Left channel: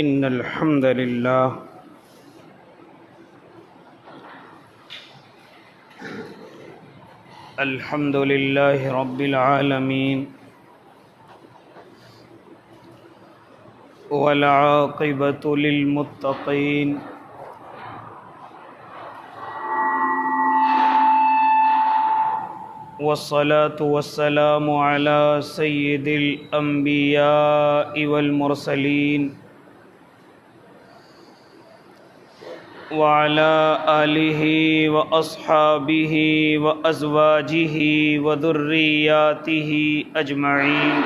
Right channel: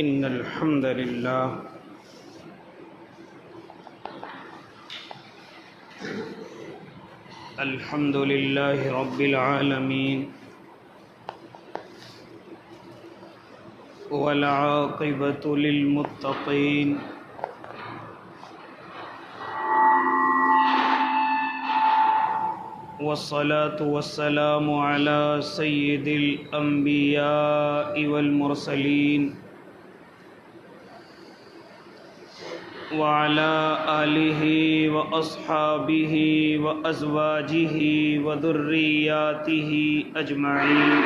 إن الحمد لله رب العالمين والعاقبة للمتقين والصلاة والسلام على سيد الأنبياء والمرسلين وعلى آله وأصحابه وأزواجه وذرياته أجمعين.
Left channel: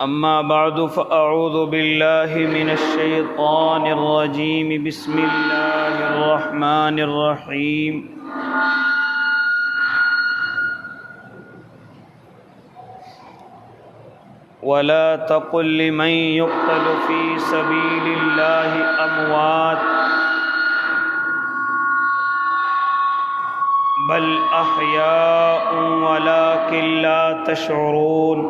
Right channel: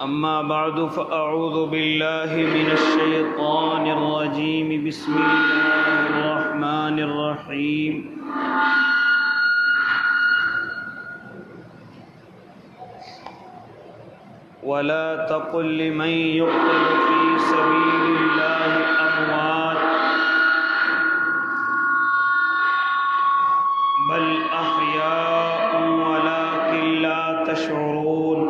أما بعد فأعوذ بالله من الشيطان الرجيم. بسم الله الرحمن الرحيم. ولا تقل لمن يقتل في سبيل الله أموات بل أحياء ولكن لا تشعرون.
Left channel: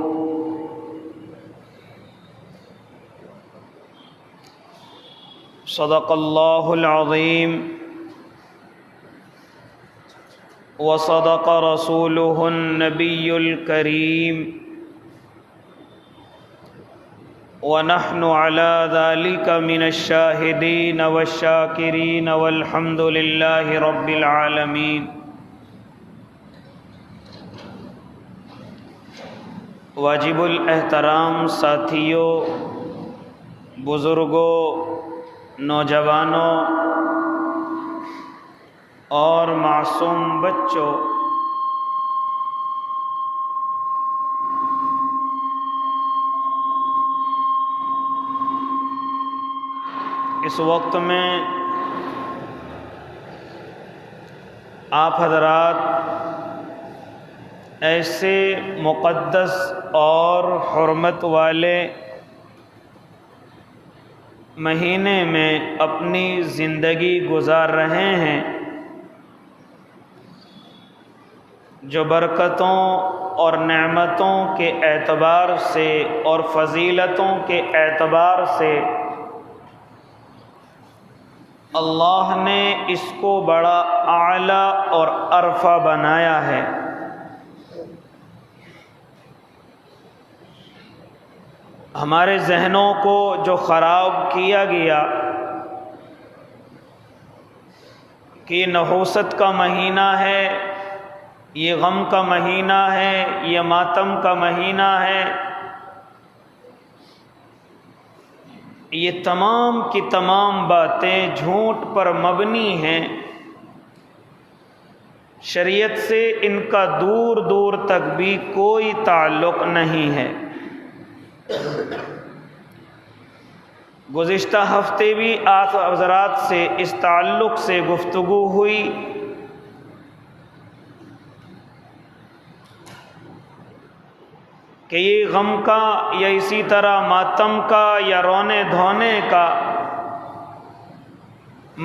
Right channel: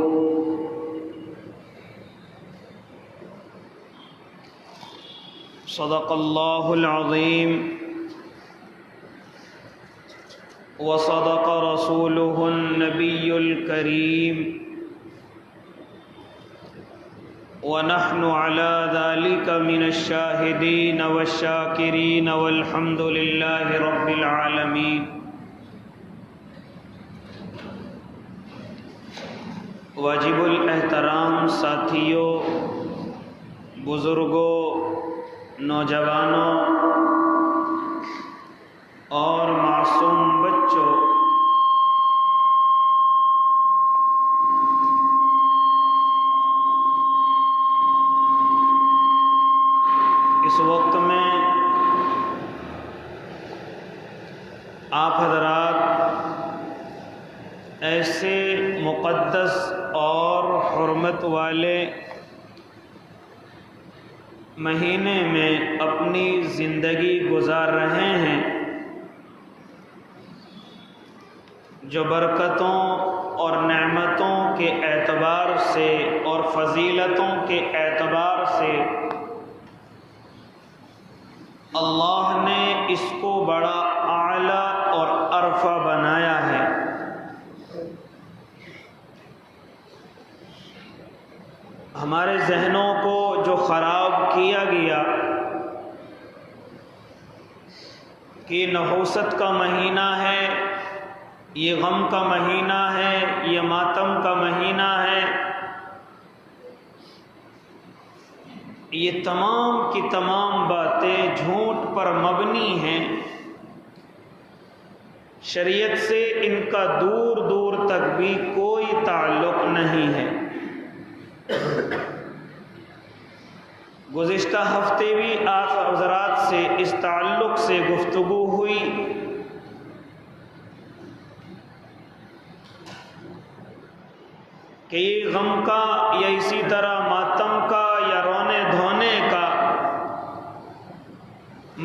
صدق الله العظيم وصدق رسوله النبي الكريم ونحن على ذلك من الشاهدين والشاكرين والحمد لله رب العالمين. واجب الاحترام ساتھیوں، بزرگوں، نوجوانوں اور معصوم بچوں، اس وقت میں آپ حضرات ایسے مقدس اور حرمت والے مہینے میں اپنی زندگی گزار رہے ہیں جو برکتوں اور نعمتوں کے اعتبار سے اور فضیلتوں کے اعتبار سے اللہ نے اس کو بڑا اعلیٰ اور عرفہ بنایا ہے. ہمارے ذہنوں کو جو خراب کیا گیا کہ یہ نحوست کا مہینہ ہے، یہ غم کا مہینہ ہے، یہ ماتم کا مہینہ ہے، یہ تمام کی تمام باتیں جھوٹ پر مبنی ہیں. شریعت سے ان کا دور دور تک بھی کوئی تعلق نہیں ہے. گزشتہ ہفتے بھی آپ حضرات سے اس تعلق سے گفتگو ہوئی. کہ یہ غم کا یا اسی طرح ماتم کا یا رونے دھونے کا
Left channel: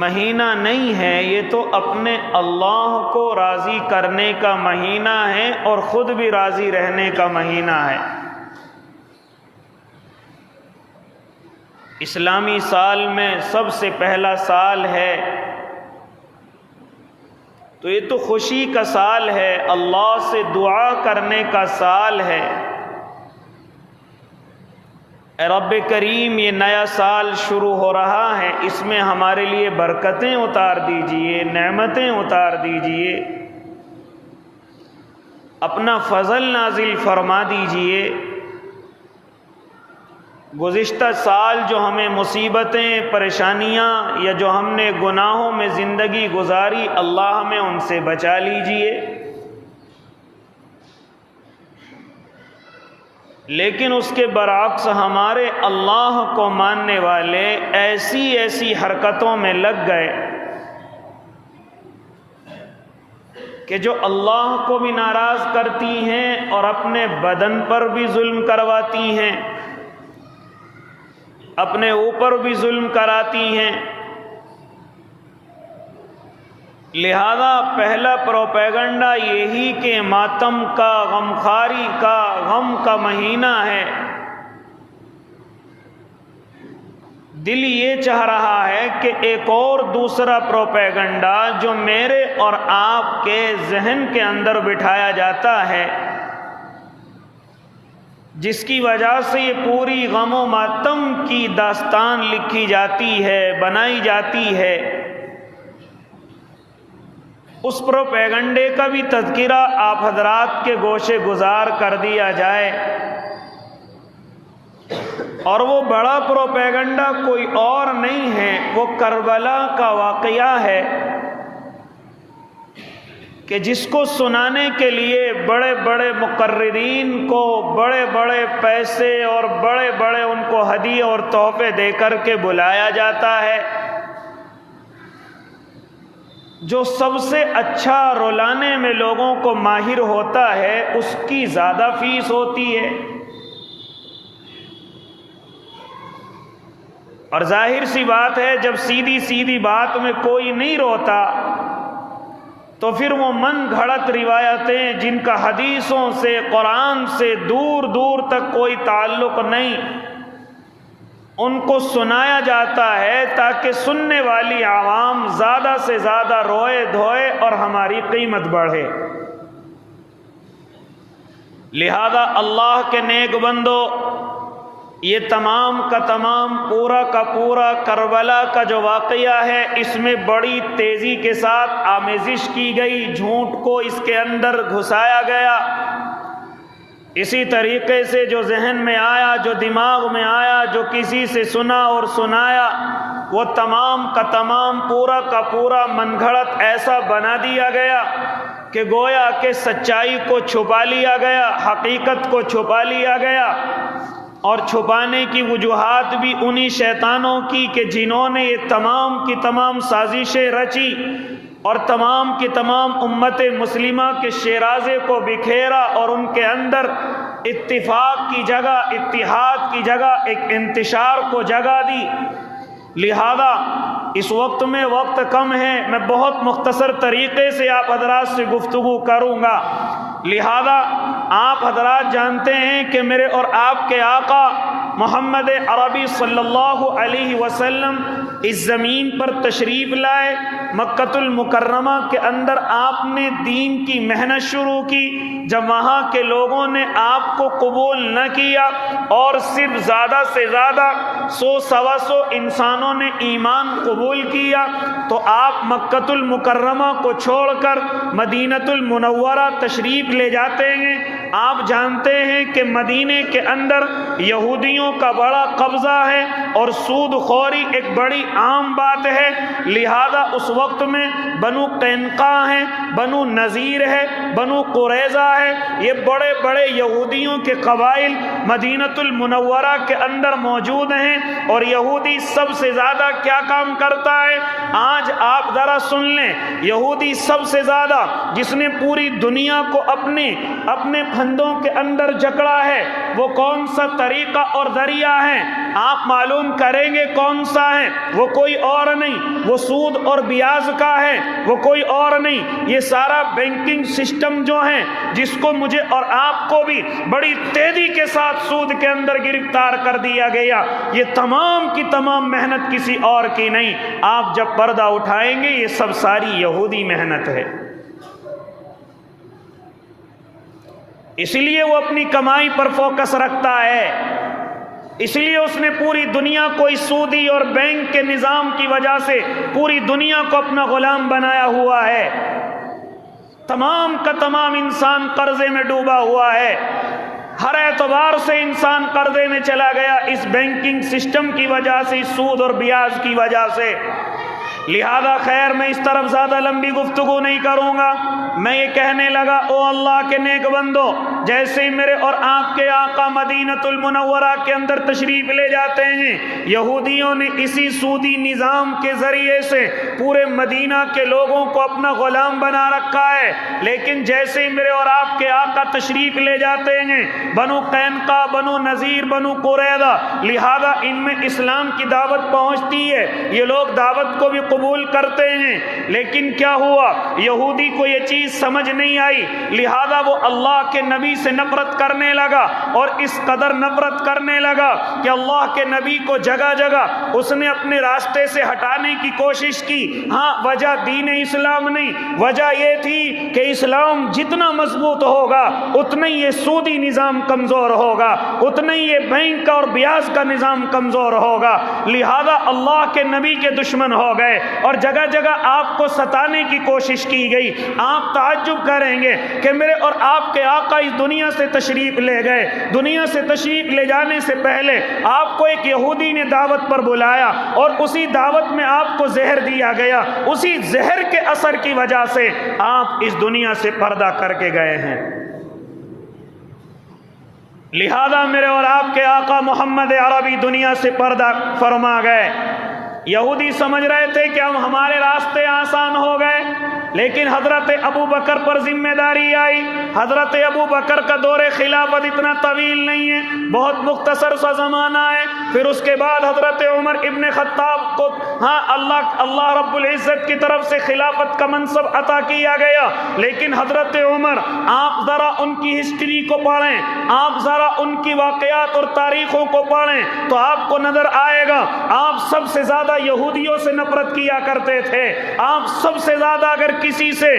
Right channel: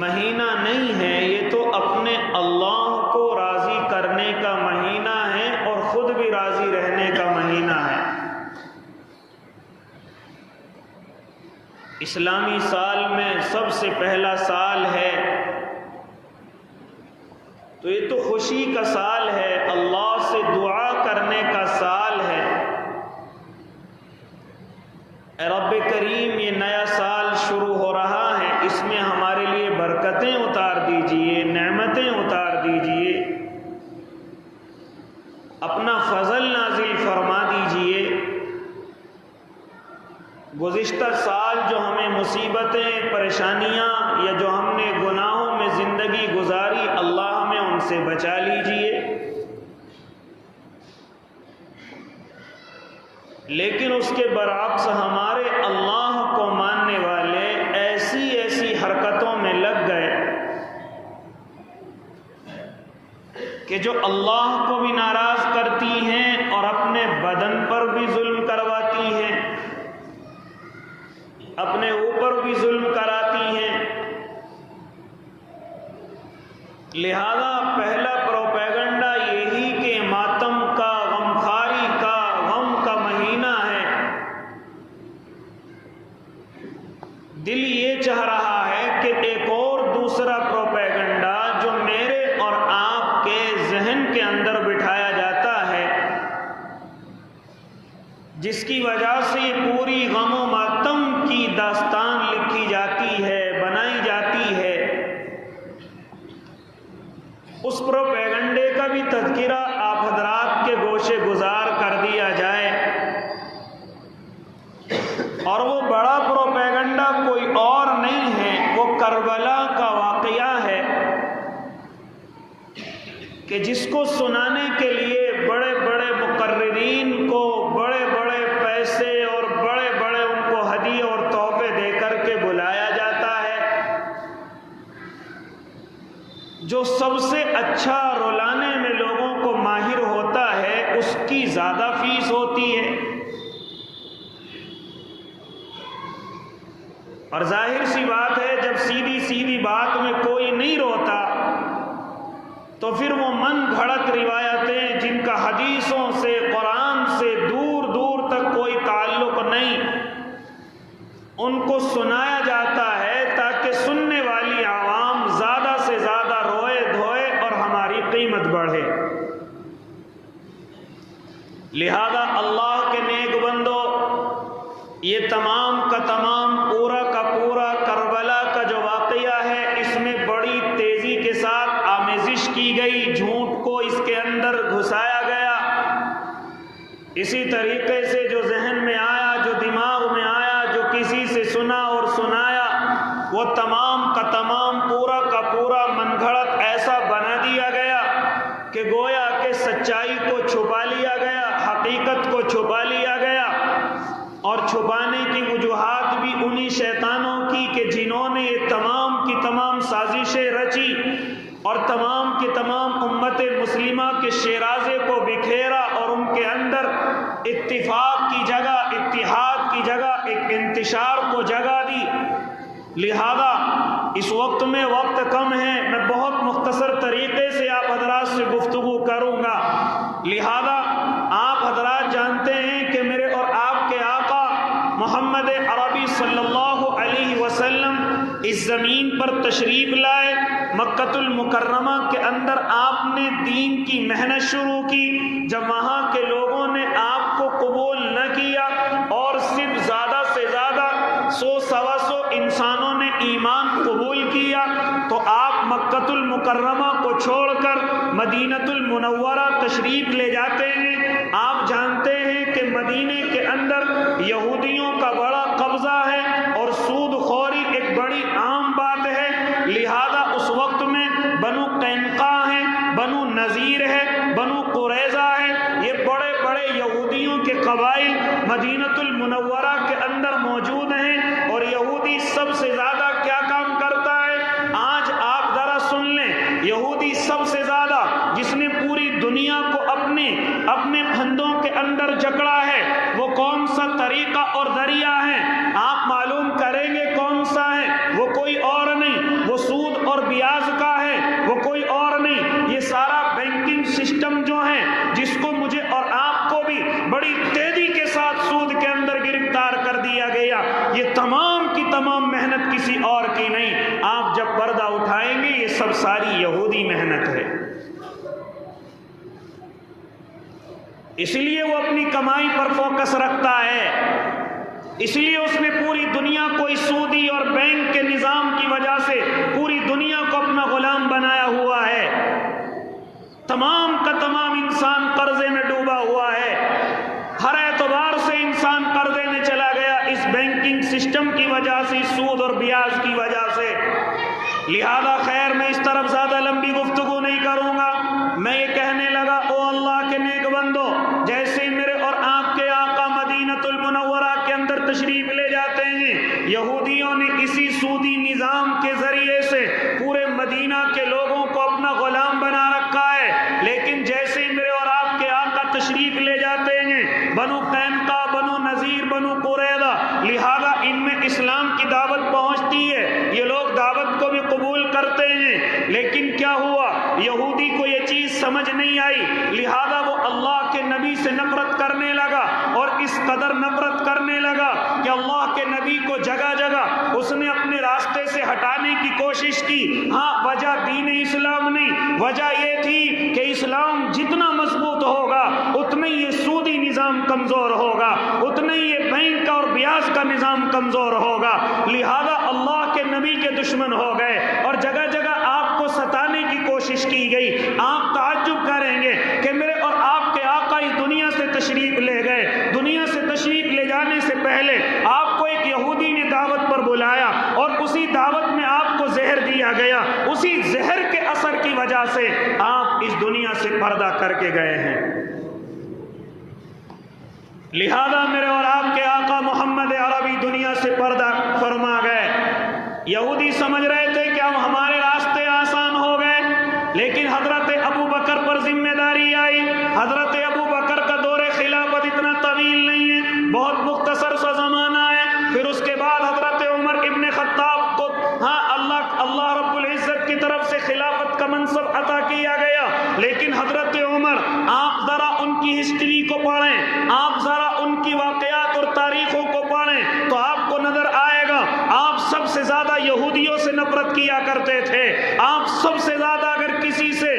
مہینہ نہیں ہے، یہ تو اپنے اللہ کو راضی کرنے کا مہینہ ہے اور خود بھی راضی رہنے کا مہینہ ہے. اسلامی سال میں سب سے پہلا سال ہے، تو یہ تو خوشی کا سال ہے، اللہ سے دعا کرنے کا سال ہے. اے رب کریم، یہ نیا سال شروع ہو رہا ہے، اس میں ہمارے لیے برکتیں اتار دیجئے، نعمتیں اتار دیجئے، اپنا فضل نازل فرما دیجئے. گزشتہ سال جو ہمیں مصیبتیں، پریشانیاں یا جو ہم نے گناہوں میں زندگی گزاری، اللہ ہمیں ان سے بچا لیجئے. لیکن اس کے برعکس ہمارے اللہ کو ماننے والے ایسی ایسی حرکتوں میں لگ گئے کہ جو اللہ کو بھی ناراض کرتی ہیں اور اپنے بدن پر بھی ظلم کرواتی ہیں، اپنے اوپر بھی ظلم کراتی ہیں. لہذا پہلا پروپیگنڈا یہی کہ ماتم کا، غمخواری کا، کہ ایک اور دوسرا پروپیگنڈا جو میرے اور آپ کے ذہن کے اندر بٹھایا جاتا ہے، جس کی وجہ سے یہ پوری غم و ماتم کی داستان لکھی جاتی ہے، بنائی جاتی ہے، اس پروپیگنڈے کا بھی تذکرہ آپ حضرات کے گوشے گزار کر دیا جائے۔ اور وہ بڑا پروپیگنڈا کوئی اور نہیں ہے، وہ کربلا کا واقعہ ہے کہ جس کو سنانے کے لیے بڑے بڑے مقررین کو بڑے بڑے پیسے اور بڑے بڑے ان کو ہدیے اور تحفے دے کر کے بلایا جاتا ہے۔ جو سب سے اچھا رلانے میں لوگوں کو ماہر ہوتا ہے اس کی زیادہ فیس ہوتی ہے، اور ظاہر سی بات ہے جب سیدھی سیدھی بات میں کوئی نہیں روتا تو پھر وہ من گھڑت روایتیں جن کا حدیثوں سے قرآن سے دور دور تک کوئی تعلق نہیں، ان کو سنایا جاتا ہے تاکہ سننے والی عوام زیادہ سے زیادہ روئے دھوئے اور ہماری قیمت بڑھے۔ لہذا اللہ کے نیک بندو، یہ تمام کا تمام پورا کا پورا کربلا کا جو واقعہ ہے، اس میں بڑی تیزی کے ساتھ آمیزش کی گئی، جھوٹ کو اس کے اندر گھسایا گیا۔ اسی طریقے سے جو ذہن میں آیا، جو دماغ میں آیا، جو کسی سے سنا اور سنایا، وہ تمام کا تمام پورا کا پورا من گھڑت ایسا بنا دیا گیا کہ گویا کہ سچائی کو چھپا لیا گیا، حقیقت کو چھپا لیا گیا، اور چھپانے کی وجوہات بھی انہی شیطانوں کی کہ جنہوں نے یہ تمام کی تمام سازشیں رچی اور تمام کی تمام امت مسلمہ کے شیرازے کو بکھیرا اور ان کے اندر اتفاق کی جگہ، اتحاد کی جگہ ایک انتشار کو جگہ دی۔ لہذا اس وقت میں وقت کم ہے، میں بہت مختصر طریقے سے آپ حضرات سے گفتگو کروں گا۔ لہذا آپ حضرات جانتے ہیں کہ میرے اور آپ کے آقا محمد عربی صلی اللہ علیہ وسلم اس زمین پر تشریف لائے، مکہ المکرمہ کے اندر آپ نے دین کی محنت شروع کی۔ جب وہاں کے لوگوں نے آپ کو قبول نہ کیا اور صرف زیادہ سے زیادہ 100-125 انسانوں نے ایمان قبول کیا، تو آپ مکہ المکرمہ کو چھوڑ کر مدینہ المنورہ تشریف لے جاتے ہیں۔ آپ جانتے ہیں کہ مدینے کے اندر یہودیوں کا بڑا قبضہ ہے اور سود خوری ایک بڑی عام بات ہے۔ لہذا اس وقت میں بنو قینقاع ہیں، بنو نذیر ہے، بنو قریظہ ہے، یہ بڑے بڑے یہودیوں کے قبائل مدینہ المنورہ کے اندر موجود ہیں۔ اور یہودی سب سے زیادہ کیا کام کرتا ہے؟ آج آپ ذرا سن لیں، یہودی سب سے زیادہ جس نے پوری دنیا کو اپنے پھندوں کے اندر جکڑا ہے، وہ کون سا طریقہ اور ذریعہ ہے؟ آپ معلوم کریں گے کون سا ہے؟ وہ کوئی اور نہیں، وہ سود اور بیاج کا ہے، وہ کوئی اور نہیں۔ یہ سارا بینکنگ سسٹم جو ہے، جس کو مجھے اور آپ کو بھی بڑی تیزی کے ساتھ سود کے اندر گرفتار کر دیا گیا، یہ تمام کی تمام محنت کسی اور کی نہیں۔ آپ جب پردہ اٹھائیں گے یہ سب ساری یہودی محنت ہے۔ اس لیے وہ اپنی کمائی پر فوکس رکھتا ہے، اس لیے اس نے پوری دنیا کو اس سودی اور بینک کے نظام کی وجہ سے پوری دنیا کو اپنا غلام بنایا ہوا ہے۔ تمام کا تمام انسان قرضے میں ڈوبا ہوا ہے، ہر اعتبار سے انسان قرضے میں چلا گیا اس بینکنگ سسٹم کی وجہ سے، اس سود اور بیاج کی وجہ سے۔ لہذا خیر میں اس طرف زیادہ لمبی گفتگو نہیں کروں گا، میں یہ کہنے لگا او اللہ کے نیک بندو، جیسے میرے اور آپ کے آقا مدینہ المنورہ کے اندر تشریف لے جاتے ہیں، یہودیوں نے اسی سودی نظام کے ذریعے سے پورے مدینہ کے لوگوں کو اپنا غلام بنا رکھا ہے۔ لیکن جیسے میرے اور آپ کے آقا شریک لے جاتے ہیں، بنو قینقاع، بنو نذیر، بنو قریظہ، لہذا ان میں اسلام کی دعوت پہنچتی ہے، یہ لوگ دعوت کو بھی قبول کرتے ہیں، لیکن کیا ہوا؟ یہودی کو یہ چیز سمجھ نہیں آئی، لہذا وہ اللہ کے نبی سے نفرت کرنے لگا، اور اس قدر نفرت کرنے لگا کہ اللہ کے نبی کو جگہ جگہ اس نے اپنے راستے سے ہٹانے کی کوشش کی۔ ہاں، وجہ دین اسلام نہیں، وجہ یہ تھی کہ اسلام جتنا مضبوط ہوگا اتنا ہی یہ سودی نظام کمزور ہوگا، اتنا ہی یہ بینک اور بیاج کا نظام کمزور ہوگا، لہذا اللہ کے نبی کے دشمن ہو گئے اور جگہ جگہ آپ کو ستانے کی کوشش کی گئی۔ آپ تعجب کریں گے کہ میرے اور آپ کے آقا اس دنیا سے تشریف لے گئے، دنیا سے تشریف لے جانے سے پہلے آپ کو ایک یہودی نے دعوت پر بلایا اور اسی دعوت میں آپ کو زہر دیا گیا، اسی زہر کے اثر کی وجہ سے آپ اس دنیا سے پردہ کر کے گئے ہیں۔ لہذا میرے اور آپ کے آقا محمد عربی دنیا سے پردہ فرما گئے۔ یہودی سمجھ رہے تھے کہ اب ہمارے راستے آسان ہو گئے، لیکن حضرت ابو بکر پر ذمہ داری آئی۔ حضرت ابو بکر کا دور خلافت اتنا طویل نہیں ہے، بہت مختصر سا زمانہ ہے۔ پھر اس کے بعد حضرت عمر ابن خطاب کو اللہ رب العزت کی طرف سے خلافت کا منصب عطا کیا گیا، لیکن حضرت عمر، آپ ذرا ان کی ہسٹری کو پڑھیں، آپ ذرا ان کی واقعات اور تاریخوں کو پڑھیں تو آپ کو نظر آئے گا آپ سب سے زیادہ یہودیوں سے نفرت کیا کرتے تھے، آپ سب سے زیادہ اگر کسی سے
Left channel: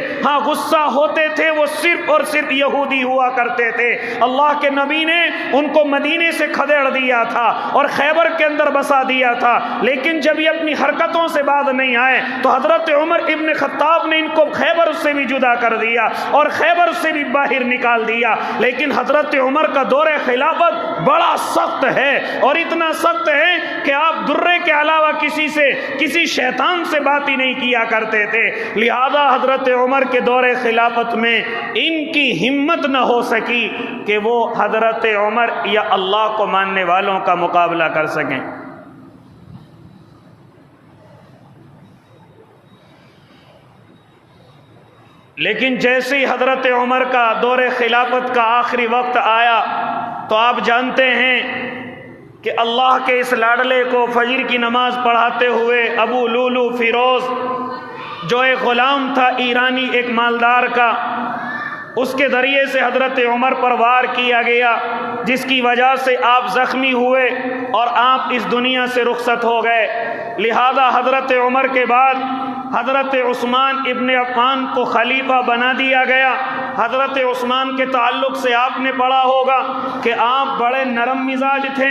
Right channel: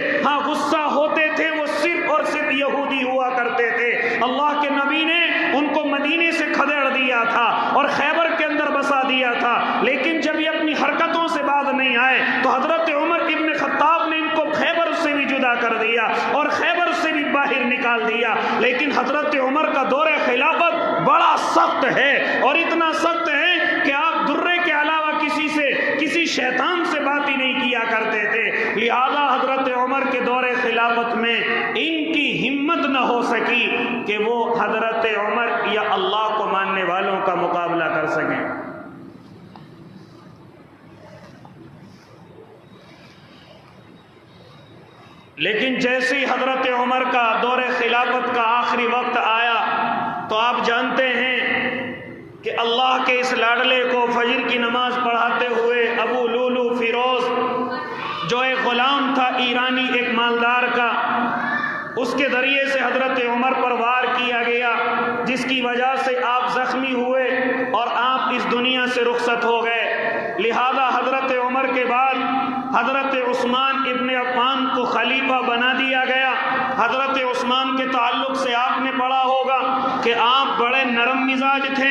غصہ ہوتے تھے وہ صرف اور صرف یہودی ہوا کرتے تھے۔ اللہ کے نبی نے ان کو مدینے سے کھدیڑ دیا تھا اور خیبر کے اندر بسا دیا تھا، لیکن جب یہ اپنی حرکتوں سے باز نہیں آئے تو حضرت عمر ابن خطاب نے ان کو خیبر سے بھی جدا کر دیا اور خیبر سے بھی باہر نکال دیا۔ لیکن حضرت عمر کا دور خلافت بڑا سخت ہے، اور اتنا سخت ہے کہ آپ درے کے علاوہ کسی شیطان سے بات ہی نہیں کیا کرتے تھے۔ لہذا حضرت عمر کے دور خلافت میں ان کی ہمت نہ ہو سکی کہ وہ حضرت عمر یا اللہ کو ماننے والوں کا مقابلہ کر سکیں۔ لیکن جیسے ہی حضرت عمر کا دور خلافت کا آخری وقت آیا تو آپ جانتے ہیں کہ اللہ کے اس لاڈلے کو فجر کی نماز پڑھاتے ہوئے ابو لولو فیروز، جو ایک غلام تھا ایرانی، ایک مالدار کا، اس کے ذریعے سے حضرت عمر پر وار کیا گیا، جس کی وجہ سے آپ زخمی ہوئے اور آپ اس دنیا سے رخصت ہو گئے۔ لہذا حضرت عمر کے بعد حضرت عثمان ابن عفان کو خلیفہ بنا دیا گیا۔ حضرت عثمان کے تعلق سے آپ نے پڑھا ہوگا کہ آپ بڑے نرم مزاج تھے،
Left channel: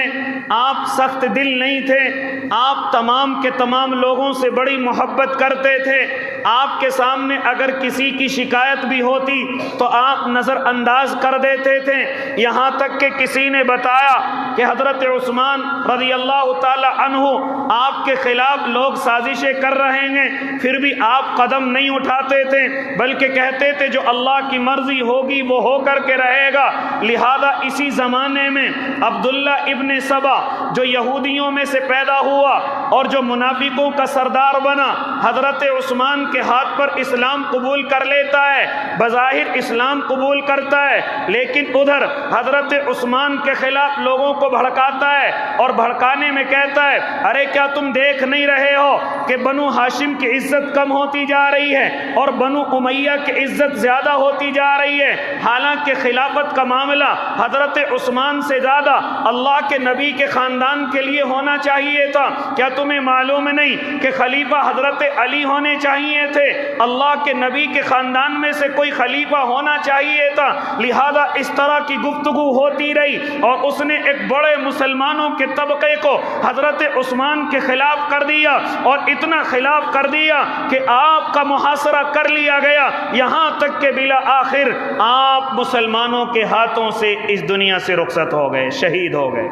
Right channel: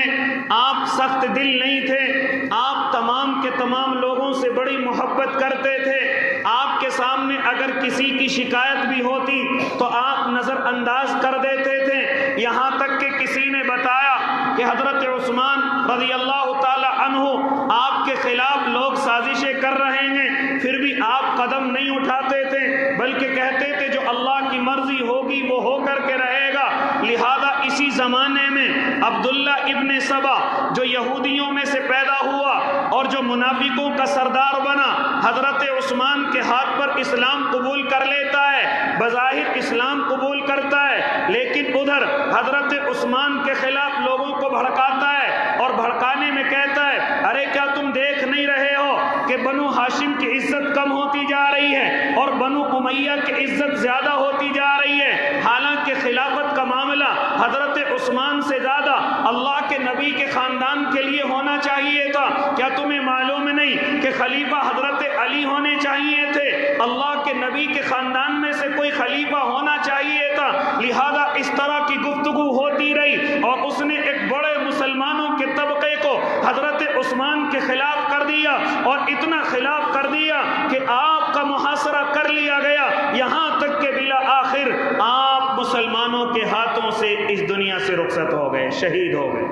آپ سخت دل نہیں تھے، آپ تمام کے تمام لوگوں سے بڑی محبت کرتے تھے۔ آپ کے سامنے اگر کسی کی شکایت بھی ہوتی تو آپ نظر انداز کر دیتے تھے، یہاں تک کہ کسی نے بتایا کہ حضرت عثمان رضی اللہ تعالی عنہ آپ کے خلاف لوگ سازشیں کر رہے ہیں، پھر بھی آپ قدم نہیں اٹھاتے تھے، بلکہ کہتے تھے جو اللہ کی مرضی ہوگی وہ ہو کر کے رہے گا۔ لہذا اسی زمانے میں عبداللہ ابن سبا جو یہودیوں میں سے پیدا ہوا اور جو منافقوں کا سردار بنا، حضرت عثمان کے ہاتھ پر اسلام قبول کر لیتا ہے، بظاہر اسلام قبول کرتا ہے، لیکن ادھر حضرت عثمان کے خلاف لوگوں کو بھڑکاتا ہے اور بھڑکانے میں کہتا ہے ارے کیا تم دیکھ نہیں رہے ہو کہ بنو ہاشم کی عزت کم ہوتی جا رہی ہے اور بنو امیہ کی عزت زیادہ ہوتی جا رہی ہے، حالانکہ خلافت کا معاملہ حضرت عثمان سے زیادہ اللہ کے نبی کے خاندان کے لیے ہونا چاہیے تھا۔ کیا تمہیں معلوم نہیں کہ خلیفہ حضرت علی ہونے چاہیے تھے؟ اللہ کے نبی کے خاندان میں سے کوئی خلیفہ ہونا چاہیے تھا۔ لہذا اس طرح کی گفتگو ہوتی رہی اور اس نے ایک بڑے مسلمانوں کے طبقے کو حضرت عثمان کے خلاف کر دیا، اور اتنا خلاف کر دیا کہ آپ کا محاصرہ کر لیا گیا، یہاں تک کہ بلا آخر آپ مسلمانوں کے ہاتھوں سے اس دنیا سے رخصت ہو گئے، شہید ہو گئے۔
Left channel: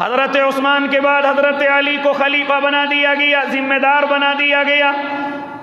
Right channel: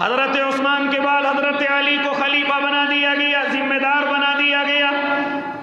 حضرت عثمان کے بعد حضرت علی کو خلیفہ بنا دیا گیا، ذمہ دار بنا دیا گیا۔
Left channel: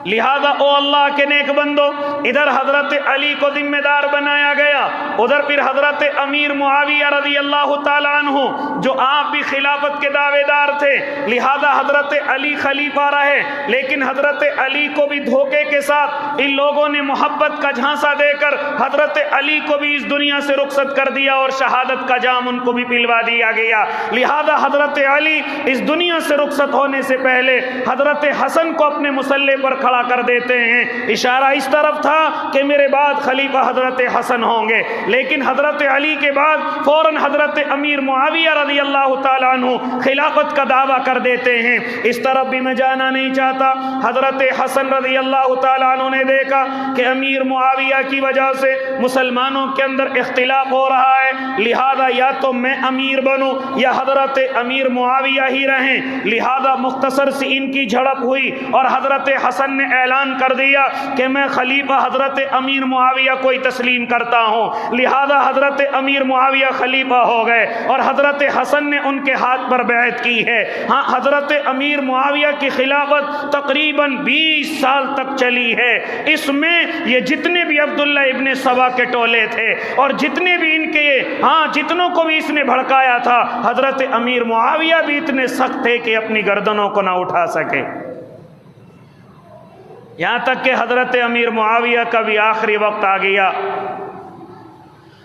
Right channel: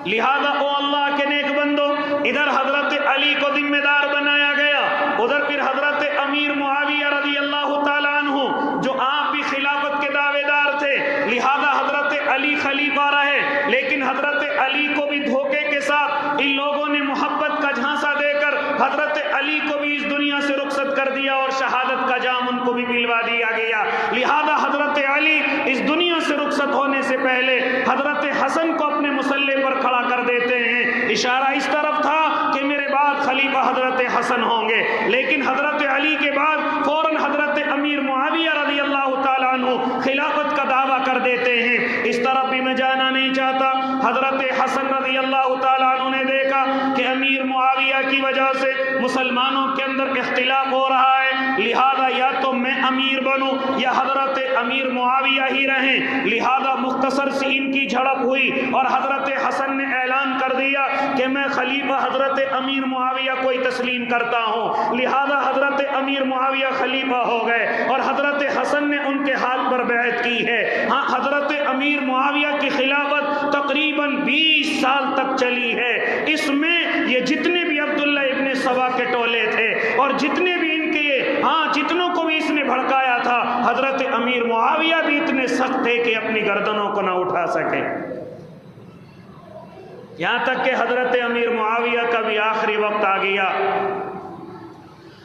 لہذا او اللہ کے نیک بندو، ادھر حضرت علی کو ذمہ دار بنایا گیا، ادھر پھر حضرت امیر معاویہ رضی اللہ تعالی عنہ جو آپ بھی خلافت کے دعوے دار تھے، لہذا حضرت علی خلیفہ رہے، لیکن حضرت علی کو بھی دھوکے کے ساتھ ان لوگوں نے محبت کا جھانسا دے کر حضرت علی کو بھی اس دنیا سے رخصت کر دیا اور شہادت کا جام ان کو بھی پلوا دیا گیا۔ لہذا حضرت علی اس دنیا سے رخصت ہونے سے پہلے حضرت حسن کو اپنے مسلح پر کھڑا کر دیتے ہیں۔ اشارہ اس طرف تھا کہ میرے بعد خلیفہ حضرت حسن ہوں گے، لیکن حضرت علی کے بعد فوراً حضرت امیر معاویہ رضی اللہ تعالیٰ عنہ خلافت کا دعویٰ کر دیتے ہیں۔ اس طرف بھی میں جانا نہیں چاہتا۔ حضرت حسن رضی اللہ تعالیٰ عنہ نے دیکھا کہ امیر معاویہ کی وجہ سے مسلمانوں کے اندر اختلاف ہو رہا ہے، لہذا یا تو میں امیر بنوں یا حضرت امیر معاویہ ہی رہیں۔ لہذا مختصر سی ان کی جھڑپ ہوئی اور حضرت حسن نے اعلان کر دیا کہ میں خلیفہ حضرت امیر معاویہ کو ہی تسلیم کرتا ہوں۔ لہذا حضرت امیر معاویہ خلیفہ ہو گئے اور حضرت حسن نے ان کے ہاتھ پر بیعت کی ہے۔ ہاں، حضرت امیر معاویہ کی خلافت تقریباً 20 سال تک چلی ہے۔ اس میں یہ جتنے بھی عبداللہ ابن سبا کے ٹولے تھے اور جتنے بھی ان کے جتنوں کو بھی اس نے بھڑکایا تھا، حضرت امیر معاویہ بھی اتنے سخت تھے کہ اپنی گردنوں کو نہ اٹھا سکے، یہاں تک کہ حضرت امیر معاویہ کا بھی آخری وقت آ گیا۔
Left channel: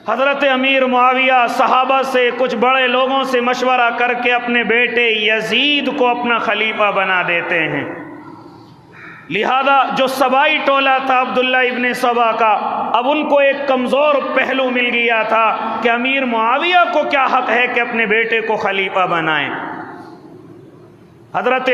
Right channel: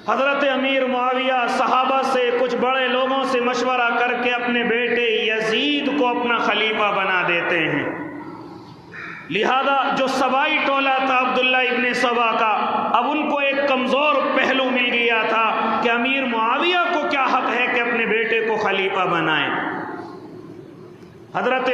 حضرت امیر معاویہ صحابہ سے کچھ بڑے لوگوں سے مشورہ کر کے اپنے بیٹے یزید کو اپنا خلیفہ بنا دیتے ہیں۔ لہذا جو سبائی ٹولہ تھا عبداللہ ابن سبا کا، اب ان کو ایک کمزور پہلو مل گیا تھا کہ امیر معاویہ کو کیا حق ہے کہ اپنے بیٹے کو خلیفہ بنائیں۔ حضرت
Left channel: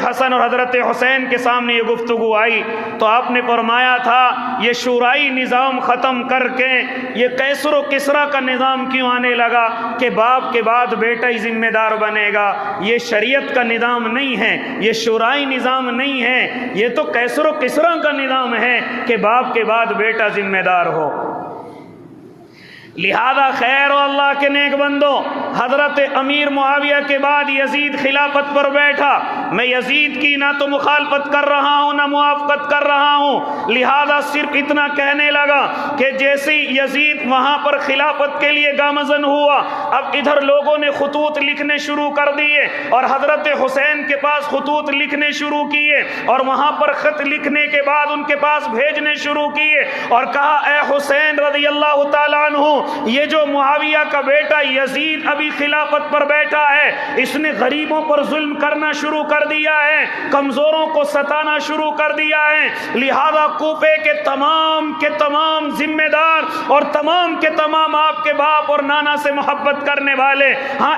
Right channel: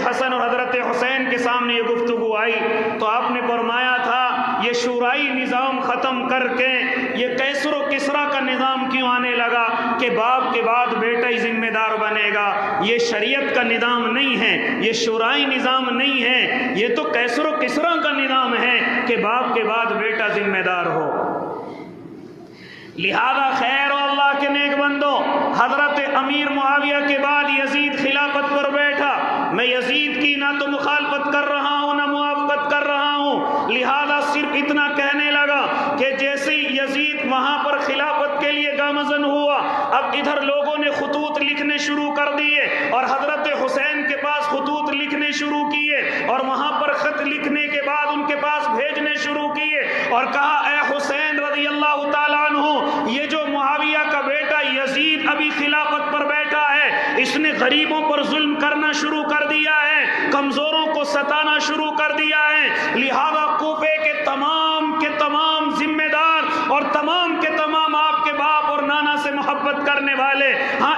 حسن اور حضرت حسین کے سامنے یہ گفتگو آئی تو آپ نے فرمایا تھا یہ شورائی نظام ختم کر کے یہ کیسر و کسرا کا نظام کیوں آنے لگا کہ باپ کے بعد بیٹا ہی ذمہ دار بنے گا؟ یہ شریعت کا نظام نہیں ہے، یہ شورائی نظام نہیں ہے، یہ تو کیسر و کسرا کا نظام ہے کہ باپ کے بعد بیٹا ذمہ دار ہو۔ لہذا خیر و اللہ کے نیک بندو، حضرت امیر معاویہ کے بعد یزید خلافت پر بیٹھا۔ میں یزید کی نہ تو مخالفت کر رہا ہوں نہ موافقت کر رہا ہوں، لہذا صرف اتنا کہنے لگا کہ جیسے یزید وہاں پر خلافت کے لیے گامزن ہوا، اب ادھر لوگوں نے خطوط لکھنے شروع کر دیے اور حضرت حسین کے پاس خطوط لکھنے شروع کیے اور وہاں پر خط لکھنے کے بعد ان کے پاس بھیجنے شروع کیے اور کہا اے حسین رضی اللہ تعالیٰ عنہ، یہ جو معاویہ کا بیٹا یزید ابھی خلافت پر بیٹھا ہے، اس نے غریبوں پر ظلم کرنا شروع کر دیا ہے، کمزوروں کو ستانا شروع کر دیا ہے، لہذا کوفے کے تمام ذمہ دار اور تمام کے تمام آپ کے باپ اور نانا سے محبت کرنے والے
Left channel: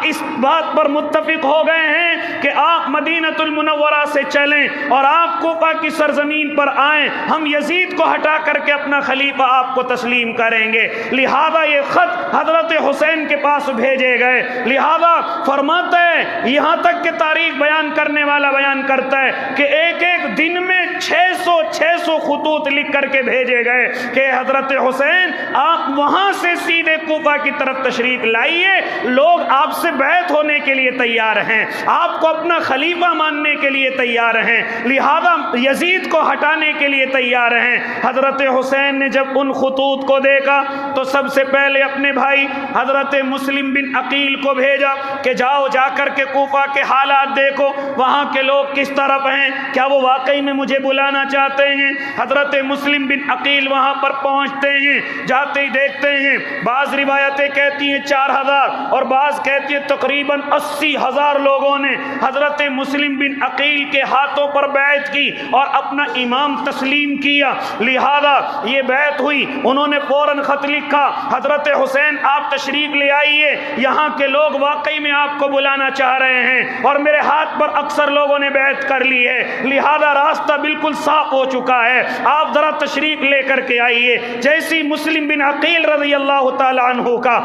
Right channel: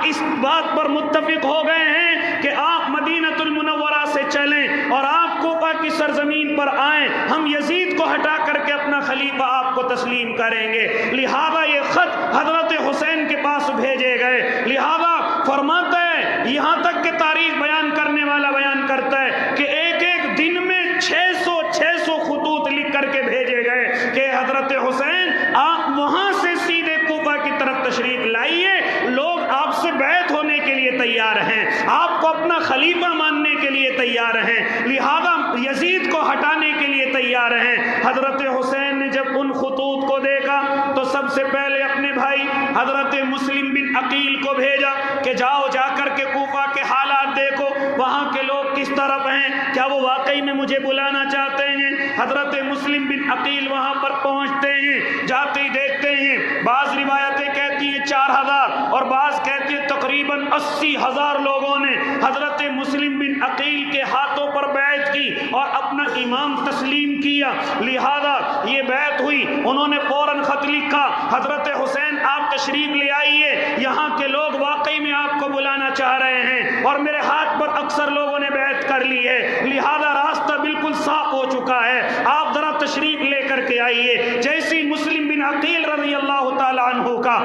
اس بات پر متفق ہو گئے ہیں کہ آپ مدینہ المنورہ سے چلیں اور آپ کوفہ کی سرزمین پر آئیں، ہم یزید کو ہٹا کر کے اپنا خلیفہ آپ کو تسلیم کریں گے۔ لہذا یہ خط حضرت حسین کے پاس بھیجے گئے۔ لہذا فرماتے ہیں، یہاں تک کہ تاریخ بیان کرنے والا بیان کرتا ہے کہ ایک ایک دن میں 600 خطوط لکھ کر کے بھیجے گئے کہ حضرت حسین آپ وہاں سے سیدھے کوفہ کی طرف تشریف لائیے، لوگ آپ سے بیعت ہونے کے لیے تیار ہیں، آپ کو اپنا خلیفہ ماننے کے لیے تیار ہیں، لہذا یزید کو ہٹانے کے لیے تیار ہیں۔ حضرت حسین نے جب ان خطوط کو دیکھا تو سب سے پہلے اپنے بھائی حضرت مسلم بن عقیل کو بھیجا کہ جاؤ جا کر کے کوفہ کے حالات دیکھو، وہاں کے لوگ کس طرف ہیں، کیا وہ واقعی میں مجھے بلانا چاہتے ہیں؟ حضرت مسلم بن عقیل وہاں پر پہنچتے ہیں، جاتے ہی دیکھتے ہیں، بعض روایتیں کہتی ہیں 4000 اور بعض کہتی ہیں تقریباً 80,000 لوگوں نے حضرت مسلم بن عقیل کے ہاتھوں پر بیعت کی اور اپنا امام تسلیم کیا۔ لہذا یہ بیعت ہوئی، انہوں نے فوراً خط لکھا، حضرت حسین آپ تشریف لے آئیے، یہاں کے لوگ واقعی میں آپ کو بلانا چاہ رہے ہیں اور میرے ہاتھ پر اکثر لوگوں نے بیعت کر لی ہے، لہذا راستہ بالکل صاف ہو چکا ہے، آپ ذرا تشریف لے کر کے آئیے۔ جیسی مسلم بن عقیل رضی اللہ تعالیٰ عنہ کا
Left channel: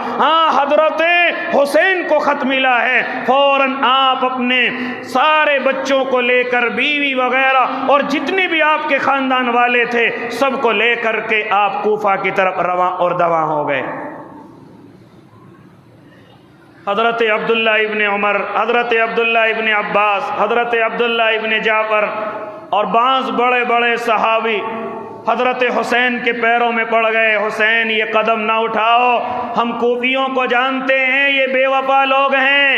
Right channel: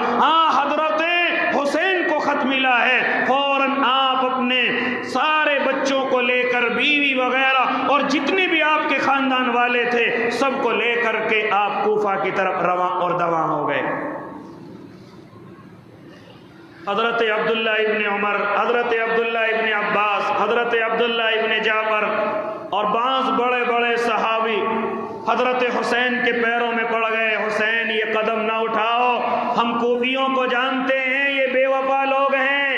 حضرت حسین کو خط ملا ہے، فوراً آپ اپنے سارے بچوں کو لے کر، بیوی وغیرہ اور جتنے بھی آپ کے خاندان والے تھے سب کو لے کر کے آپ کوفہ کی طرف رواں اور دواں ہو گئے۔ حضرت عبداللہ ابن عمر، حضرت عبداللہ ابن عباس، حضرت عبداللہ ابن جعفر اور بعض بڑے بڑے صحابی حضرت حسین کے پیروں میں پڑ گئے، حسین یہ قدم نہ اٹھاؤ، ہم کوفیوں کو جانتے ہیں یہ بے وفا لوگ ہیں،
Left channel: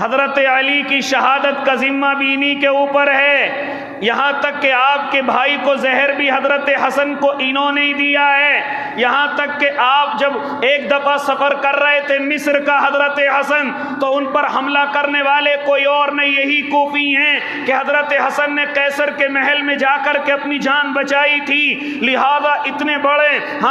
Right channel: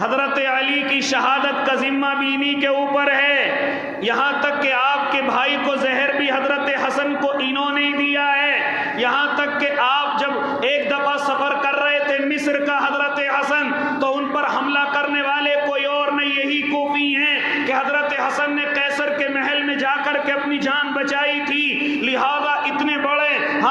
حضرت علی کی شہادت کا ذمہ بھی انہی کے اوپر ہے، یہاں تک کہ آپ آپ کے بھائی کو زہر بھی حضرت حسن کو انہوں نے ہی دیا ہے، یہاں تک کہ آپ جب ایک دفعہ سفر کر رہے تھے مصر کا حضرت حسن، تو ان پر حملہ کرنے والے کوئی اور نہیں، یہی کوفی ہیں کہ حضرت حسن نے قیصر کے محل میں جا کر کے اپنی جان بچائی تھی، لہذا اتنے بڑے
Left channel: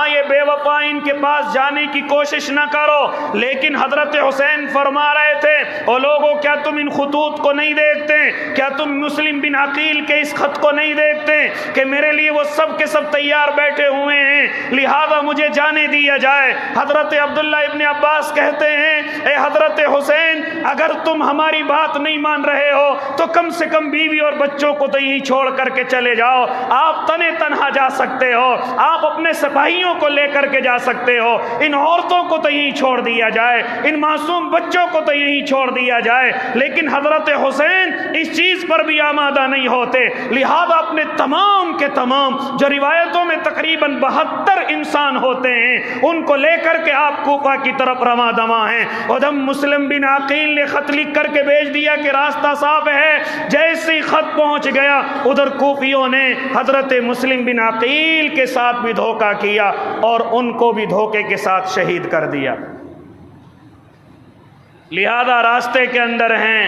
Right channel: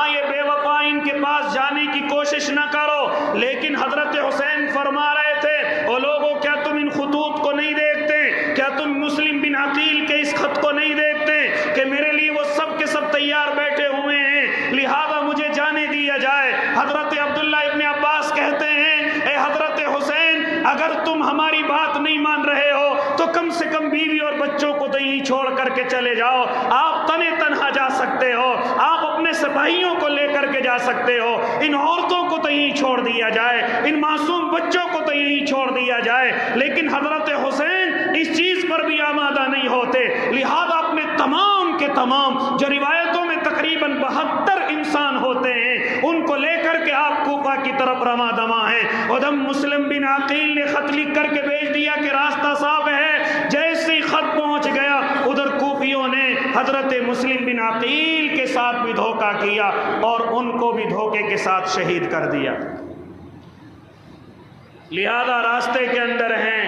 یہ بے وفا ان کے پاس جانے کی کوشش نہ کرو۔ لیکن حضرت حسین فرما رہے تھے، او لوگوں کیا تم ان خطوط کو نہیں دیکھتے؟ کیا تم مسلم بن عقیل کے اس خط کو نہیں دیکھتے کہ میرے لیے وہ سب کے سب تیار بیٹھے ہوئے ہیں، لہذا مجھے جانے دیا جائے۔ حضرت عبداللہ ابن عباس کہتے ہیں، اے حضرت حسین، اگر تم ہماری بات نہیں مان رہے ہو تو کم سے کم بیوی اور بچوں کو تو یہی چھوڑ کر کے چلے جاؤ، آپ تنے تنہا جا سکتے ہو، آپ اپنے سپاہیوں کو لے کر کے جا سکتے ہو، ان عورتوں کو تو یہی چھوڑ دیا جائے، ان معصوم بچوں کو تو یہی چھوڑ دیا جائے۔ لیکن حضرت حسین اس چیز پر بھی آمادہ نہیں ہوتے، لہذا اپنے تمام کے تمام جو روایتوں میں تقریباً 72 انسان ہوتے ہیں ان کو لے کر کے آپ کوفہ کی طرف رواں دواں ہیں۔ ادھم مسلم بن عقیل نے خط لکھ کر کے بھیج دیا کہ راستہ صاف ہے، جیسے ہی خط پہنچ گیا ادھر کوفیوں نے حضرت مسلم بن عقیل کے ساتھ بھی دھوکہ کیا اور ان کو بھی دھوکے کے ساتھ شہید کر دیا۔ لہذا راستے کے اندر ہیں،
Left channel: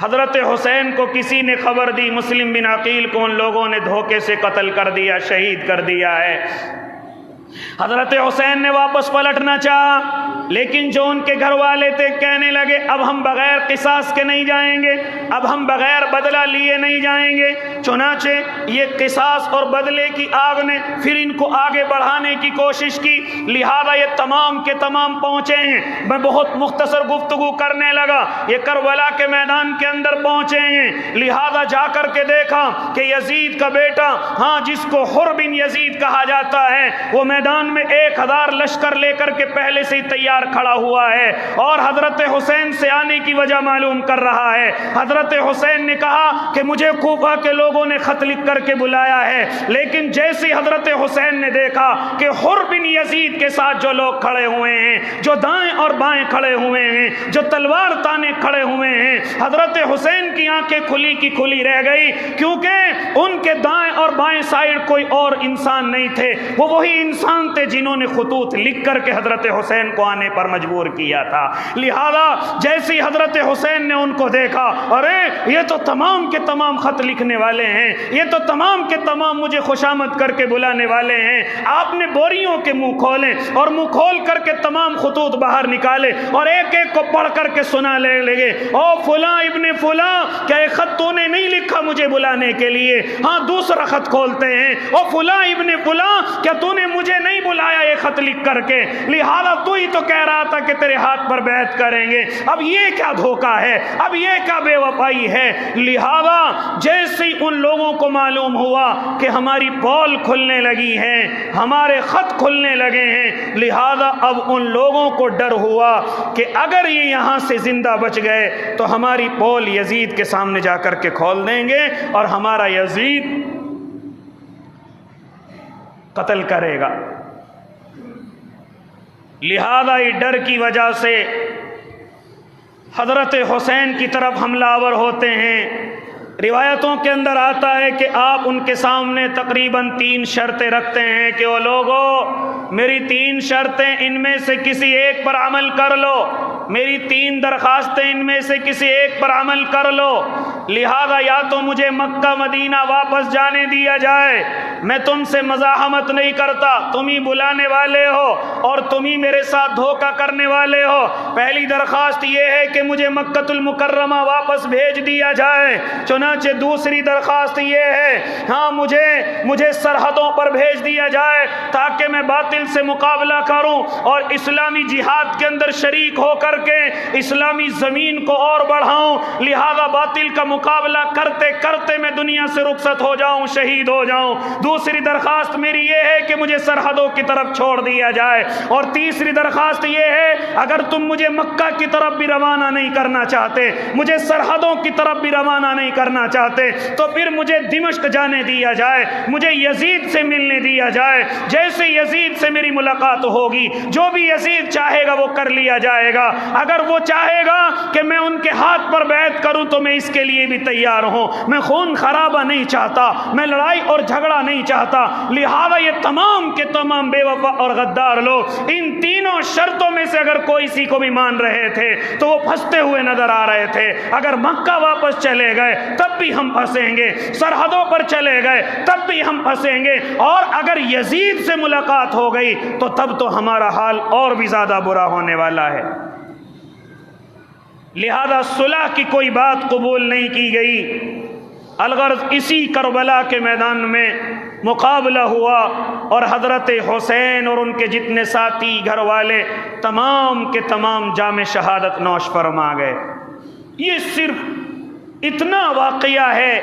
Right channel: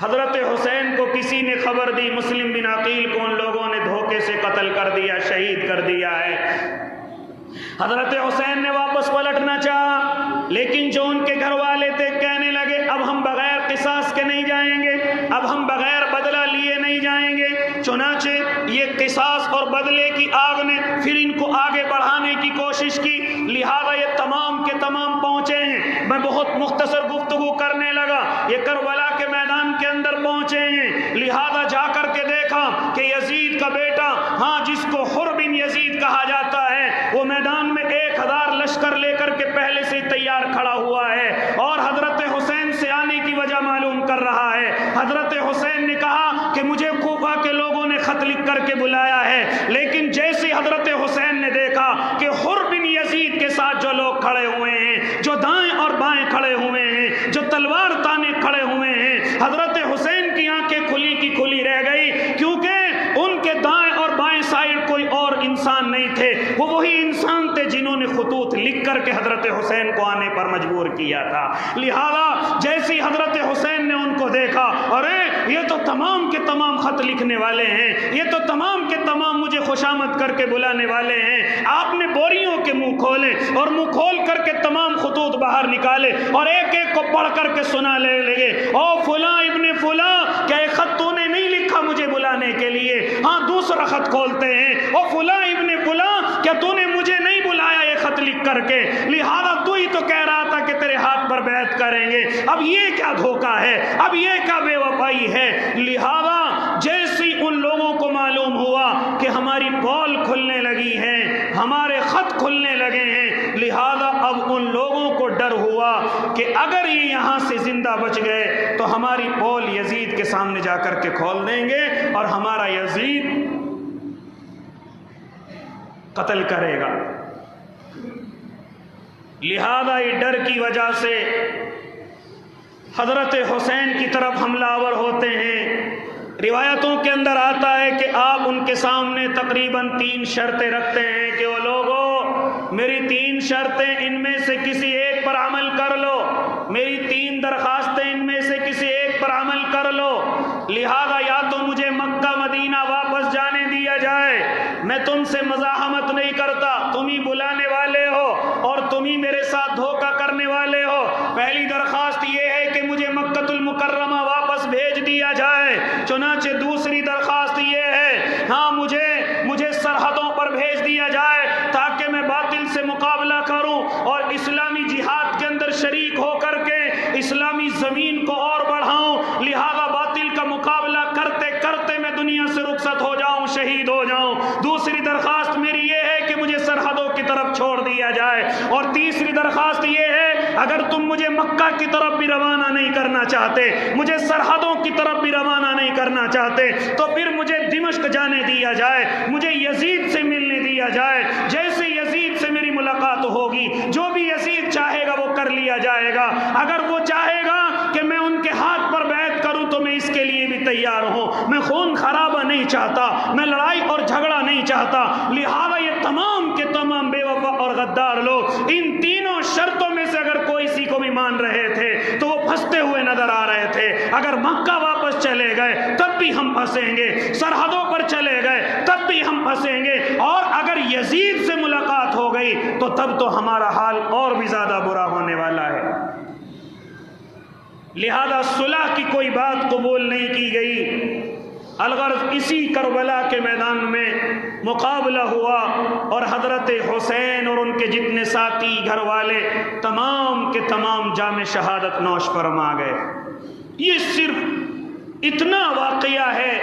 حضرت حسین کو کسی نے خبر دی مسلم بن عقیل کو ان لوگوں نے دھوکے سے قتل کر دیا، شہید کر دیا ہے۔ حضرت حسین نے واپس پلٹنا چاہا، لیکن جو ان کے گھر والے تھے کہنے لگے اب ہم بغیر قصاص کے نہیں جائیں گے، اب ہم بغیر بدلہ لیے نہیں جائیں گے۔ چنانچہ یہ قصاص اور بدلے کی آگ نے پھر ان کو آگے بڑھانے کی کوشش کی، لہذا یہ تمام کے تمام پہنچے ہیں۔ میں بہت مختصر گفتگو کرنے لگا، یہ کربلا کے میدان کے اندر پہنچے ہیں، لہذا جا کر کے دیکھا کہ یزید کا بیٹا جس کو حر بن یزید کہا جاتا ہے وہ میدان میں 1000 لشکر لے کر کے پہلے سے ہی تیار کھڑا ہوا ہے اور حضرت حسین سے آنے کی وجہ معلوم کر رہا ہے۔ حضرت حسین نے کہا کہ مجھے کوفہ کے لوگوں نے خط لکھ کر کے بلایا ہے، لیکن جیسے حضرت حسین نے دیکھا کہ حر بن یزید کے ساتھ جو لوگ کھڑے ہوئے ہیں، جو دائیں اور بائیں کھڑے ہوئے ہیں، جو تلوار تانے کھڑے ہوئے ہیں، حضرت حسین کی آنکھیں کھلی کی کھلی رہ گئی، کیونکہ ان کے دائیں اور بائیں سائڈ کوئی اور انسان نہیں تھے، وہ وہی انسان تھے جنہوں نے خطوط لکھ کر کے حضرت حسین کو آنے پر مجبور کیا تھا۔ لہذا جیسے حضرت حسین نے ان کو دیکھا، ارے یہ تو تمام کے تمام خط لکھنے والے ہیں، یہ تو تمام کے تمام مجھے خوشامد کر کے بلانے والے ہیں۔ آپ نے بوریوں کے منہ کھولے اور منہ کھول کر کے تمام خطوط باہر نکالے اور ایک ایک کو پڑھ کر کے سنا لگے، او فلاں ابن فلاں، کیا یہ خط تو نے نہیں لکھا مجھے بلانے کے لیے؟ دوسرا خط کھولتے ہیں، او فلاں ابن فلاں، کیا تو نے مجھے نہیں بلایا یہ خط لکھ کر کے؟ لہذا تو ہی تو کہہ رہا تھا کہ تیرے ہاتھ پر بیعت کریں گے، اب یہ کیا دھوکہ ہے، اب یہ کیا بے وفائی ہے؟ لہذا جیسے ان لوگوں کو معلوم ہوا کہ ہماری پول کھلنے لگی ہے، ہمارے خط کھلنے لگے ہیں، لہذا اب ان لوگوں کو ڈر ہوا کہ اگر یہ یہاں سے زندہ بچ گئے تو ہماری پول یزید کے سامنے جا کر کے کھول دیں گے اور ہمارا یزید قتل کرے گا۔ لہذا یہ ڈر کی وجہ سے حضرت حسین کی طرف حملہ آور ہوتے ہیں۔ روایتوں کے اندر آتا ہے کہ آپ ان کے سامنے تقریباً 3 شرطیں رکھتے ہیں کہ وہ لوگو میری 3 شرطیں، ان میں سے کسی ایک پر عمل کر لو، میری 3 درخواستیں، ان میں سے کسی ایک پر عمل کر لو، لہذا یا تو مجھے مکہ مدینہ واپس جانے دیا جائے، میں تم سے مزاحمت نہیں کرتا، تم ہی بلانے والے ہو اور تم ہی میرے ساتھ دھوکہ کرنے والے ہو، پہلی درخواست یہ ہے کہ مجھے مکہ المکرمہ واپس بھیج دیا جائے، چنانچہ دوسری درخواست یہ ہے مجھے سرحدوں پر بھیج دیا جائے تاکہ میں باطل سے مقابلہ کروں اور اسلامی جہاد کے اندر شریک ہو کر کے اسلامی زمین کو اور بڑھاؤں، لہذا باطل کا مقابلہ کرتے کرتے میں دنیا سے رخصت ہو جاؤں، شہید ہو جاؤں۔ دوسری درخواست میری یہ ہے کہ کہ مجھے سرحدوں کی طرف چھوڑ دیا جائے، اور تیسری درخواست یہ ہے اگر تم مجھے مکہ کی طرف بھی روانہ نہیں کرنا چاہتے، مجھے سرحدوں کی طرف بھی روانہ نہیں کرنا چاہتے، تو پھر مجھے دمشق جانے دیا جائے، مجھے یزید سے ملنے دیا جائے، جیسے یزید سے میری ملاقات ہوگی جو بھی یزید چاہے گا وہ کر لیا جائے گا، اگر وہ چاہے گا کہ میں ان کے ہاتھ پر بیعت کروں تو میں اس کے لیے بھی تیار ہوں، میں خون خرابہ نہیں چاہتا، میں لڑائی اور جھگڑا نہیں چاہتا۔ لہذا یہ تمام کے تمام بے وفا اور غدار لوگ ان تینوں شرطوں میں سے اگر کوئی سی کو بھی مان رہے تھے تو وہ پھنستے ہوئے نظر آ رہے تھے۔ اگر مکہ واپس چلے گئے تب بھی ہم پھنسیں گے، سرحدوں پر چلے گئے تب بھی ہم پھنسیں گے، اور اگر یزید سے ملاقات ہو گئی تو تب تو ہمارا حال اور بھی زیادہ برا ہونے والا ہے۔ لہذا صلح کی کوئی بات قبول نہیں کی گئی۔ الغرض اسی کربلا کے میدان میں مقابلہ ہوا، اور حضرت حسین اور ان کے جتنے ساتھی گھر والے تمام کے تمام جام شہادت نوش فرما گئے۔ یہ صرف اتنا واقعہ ہے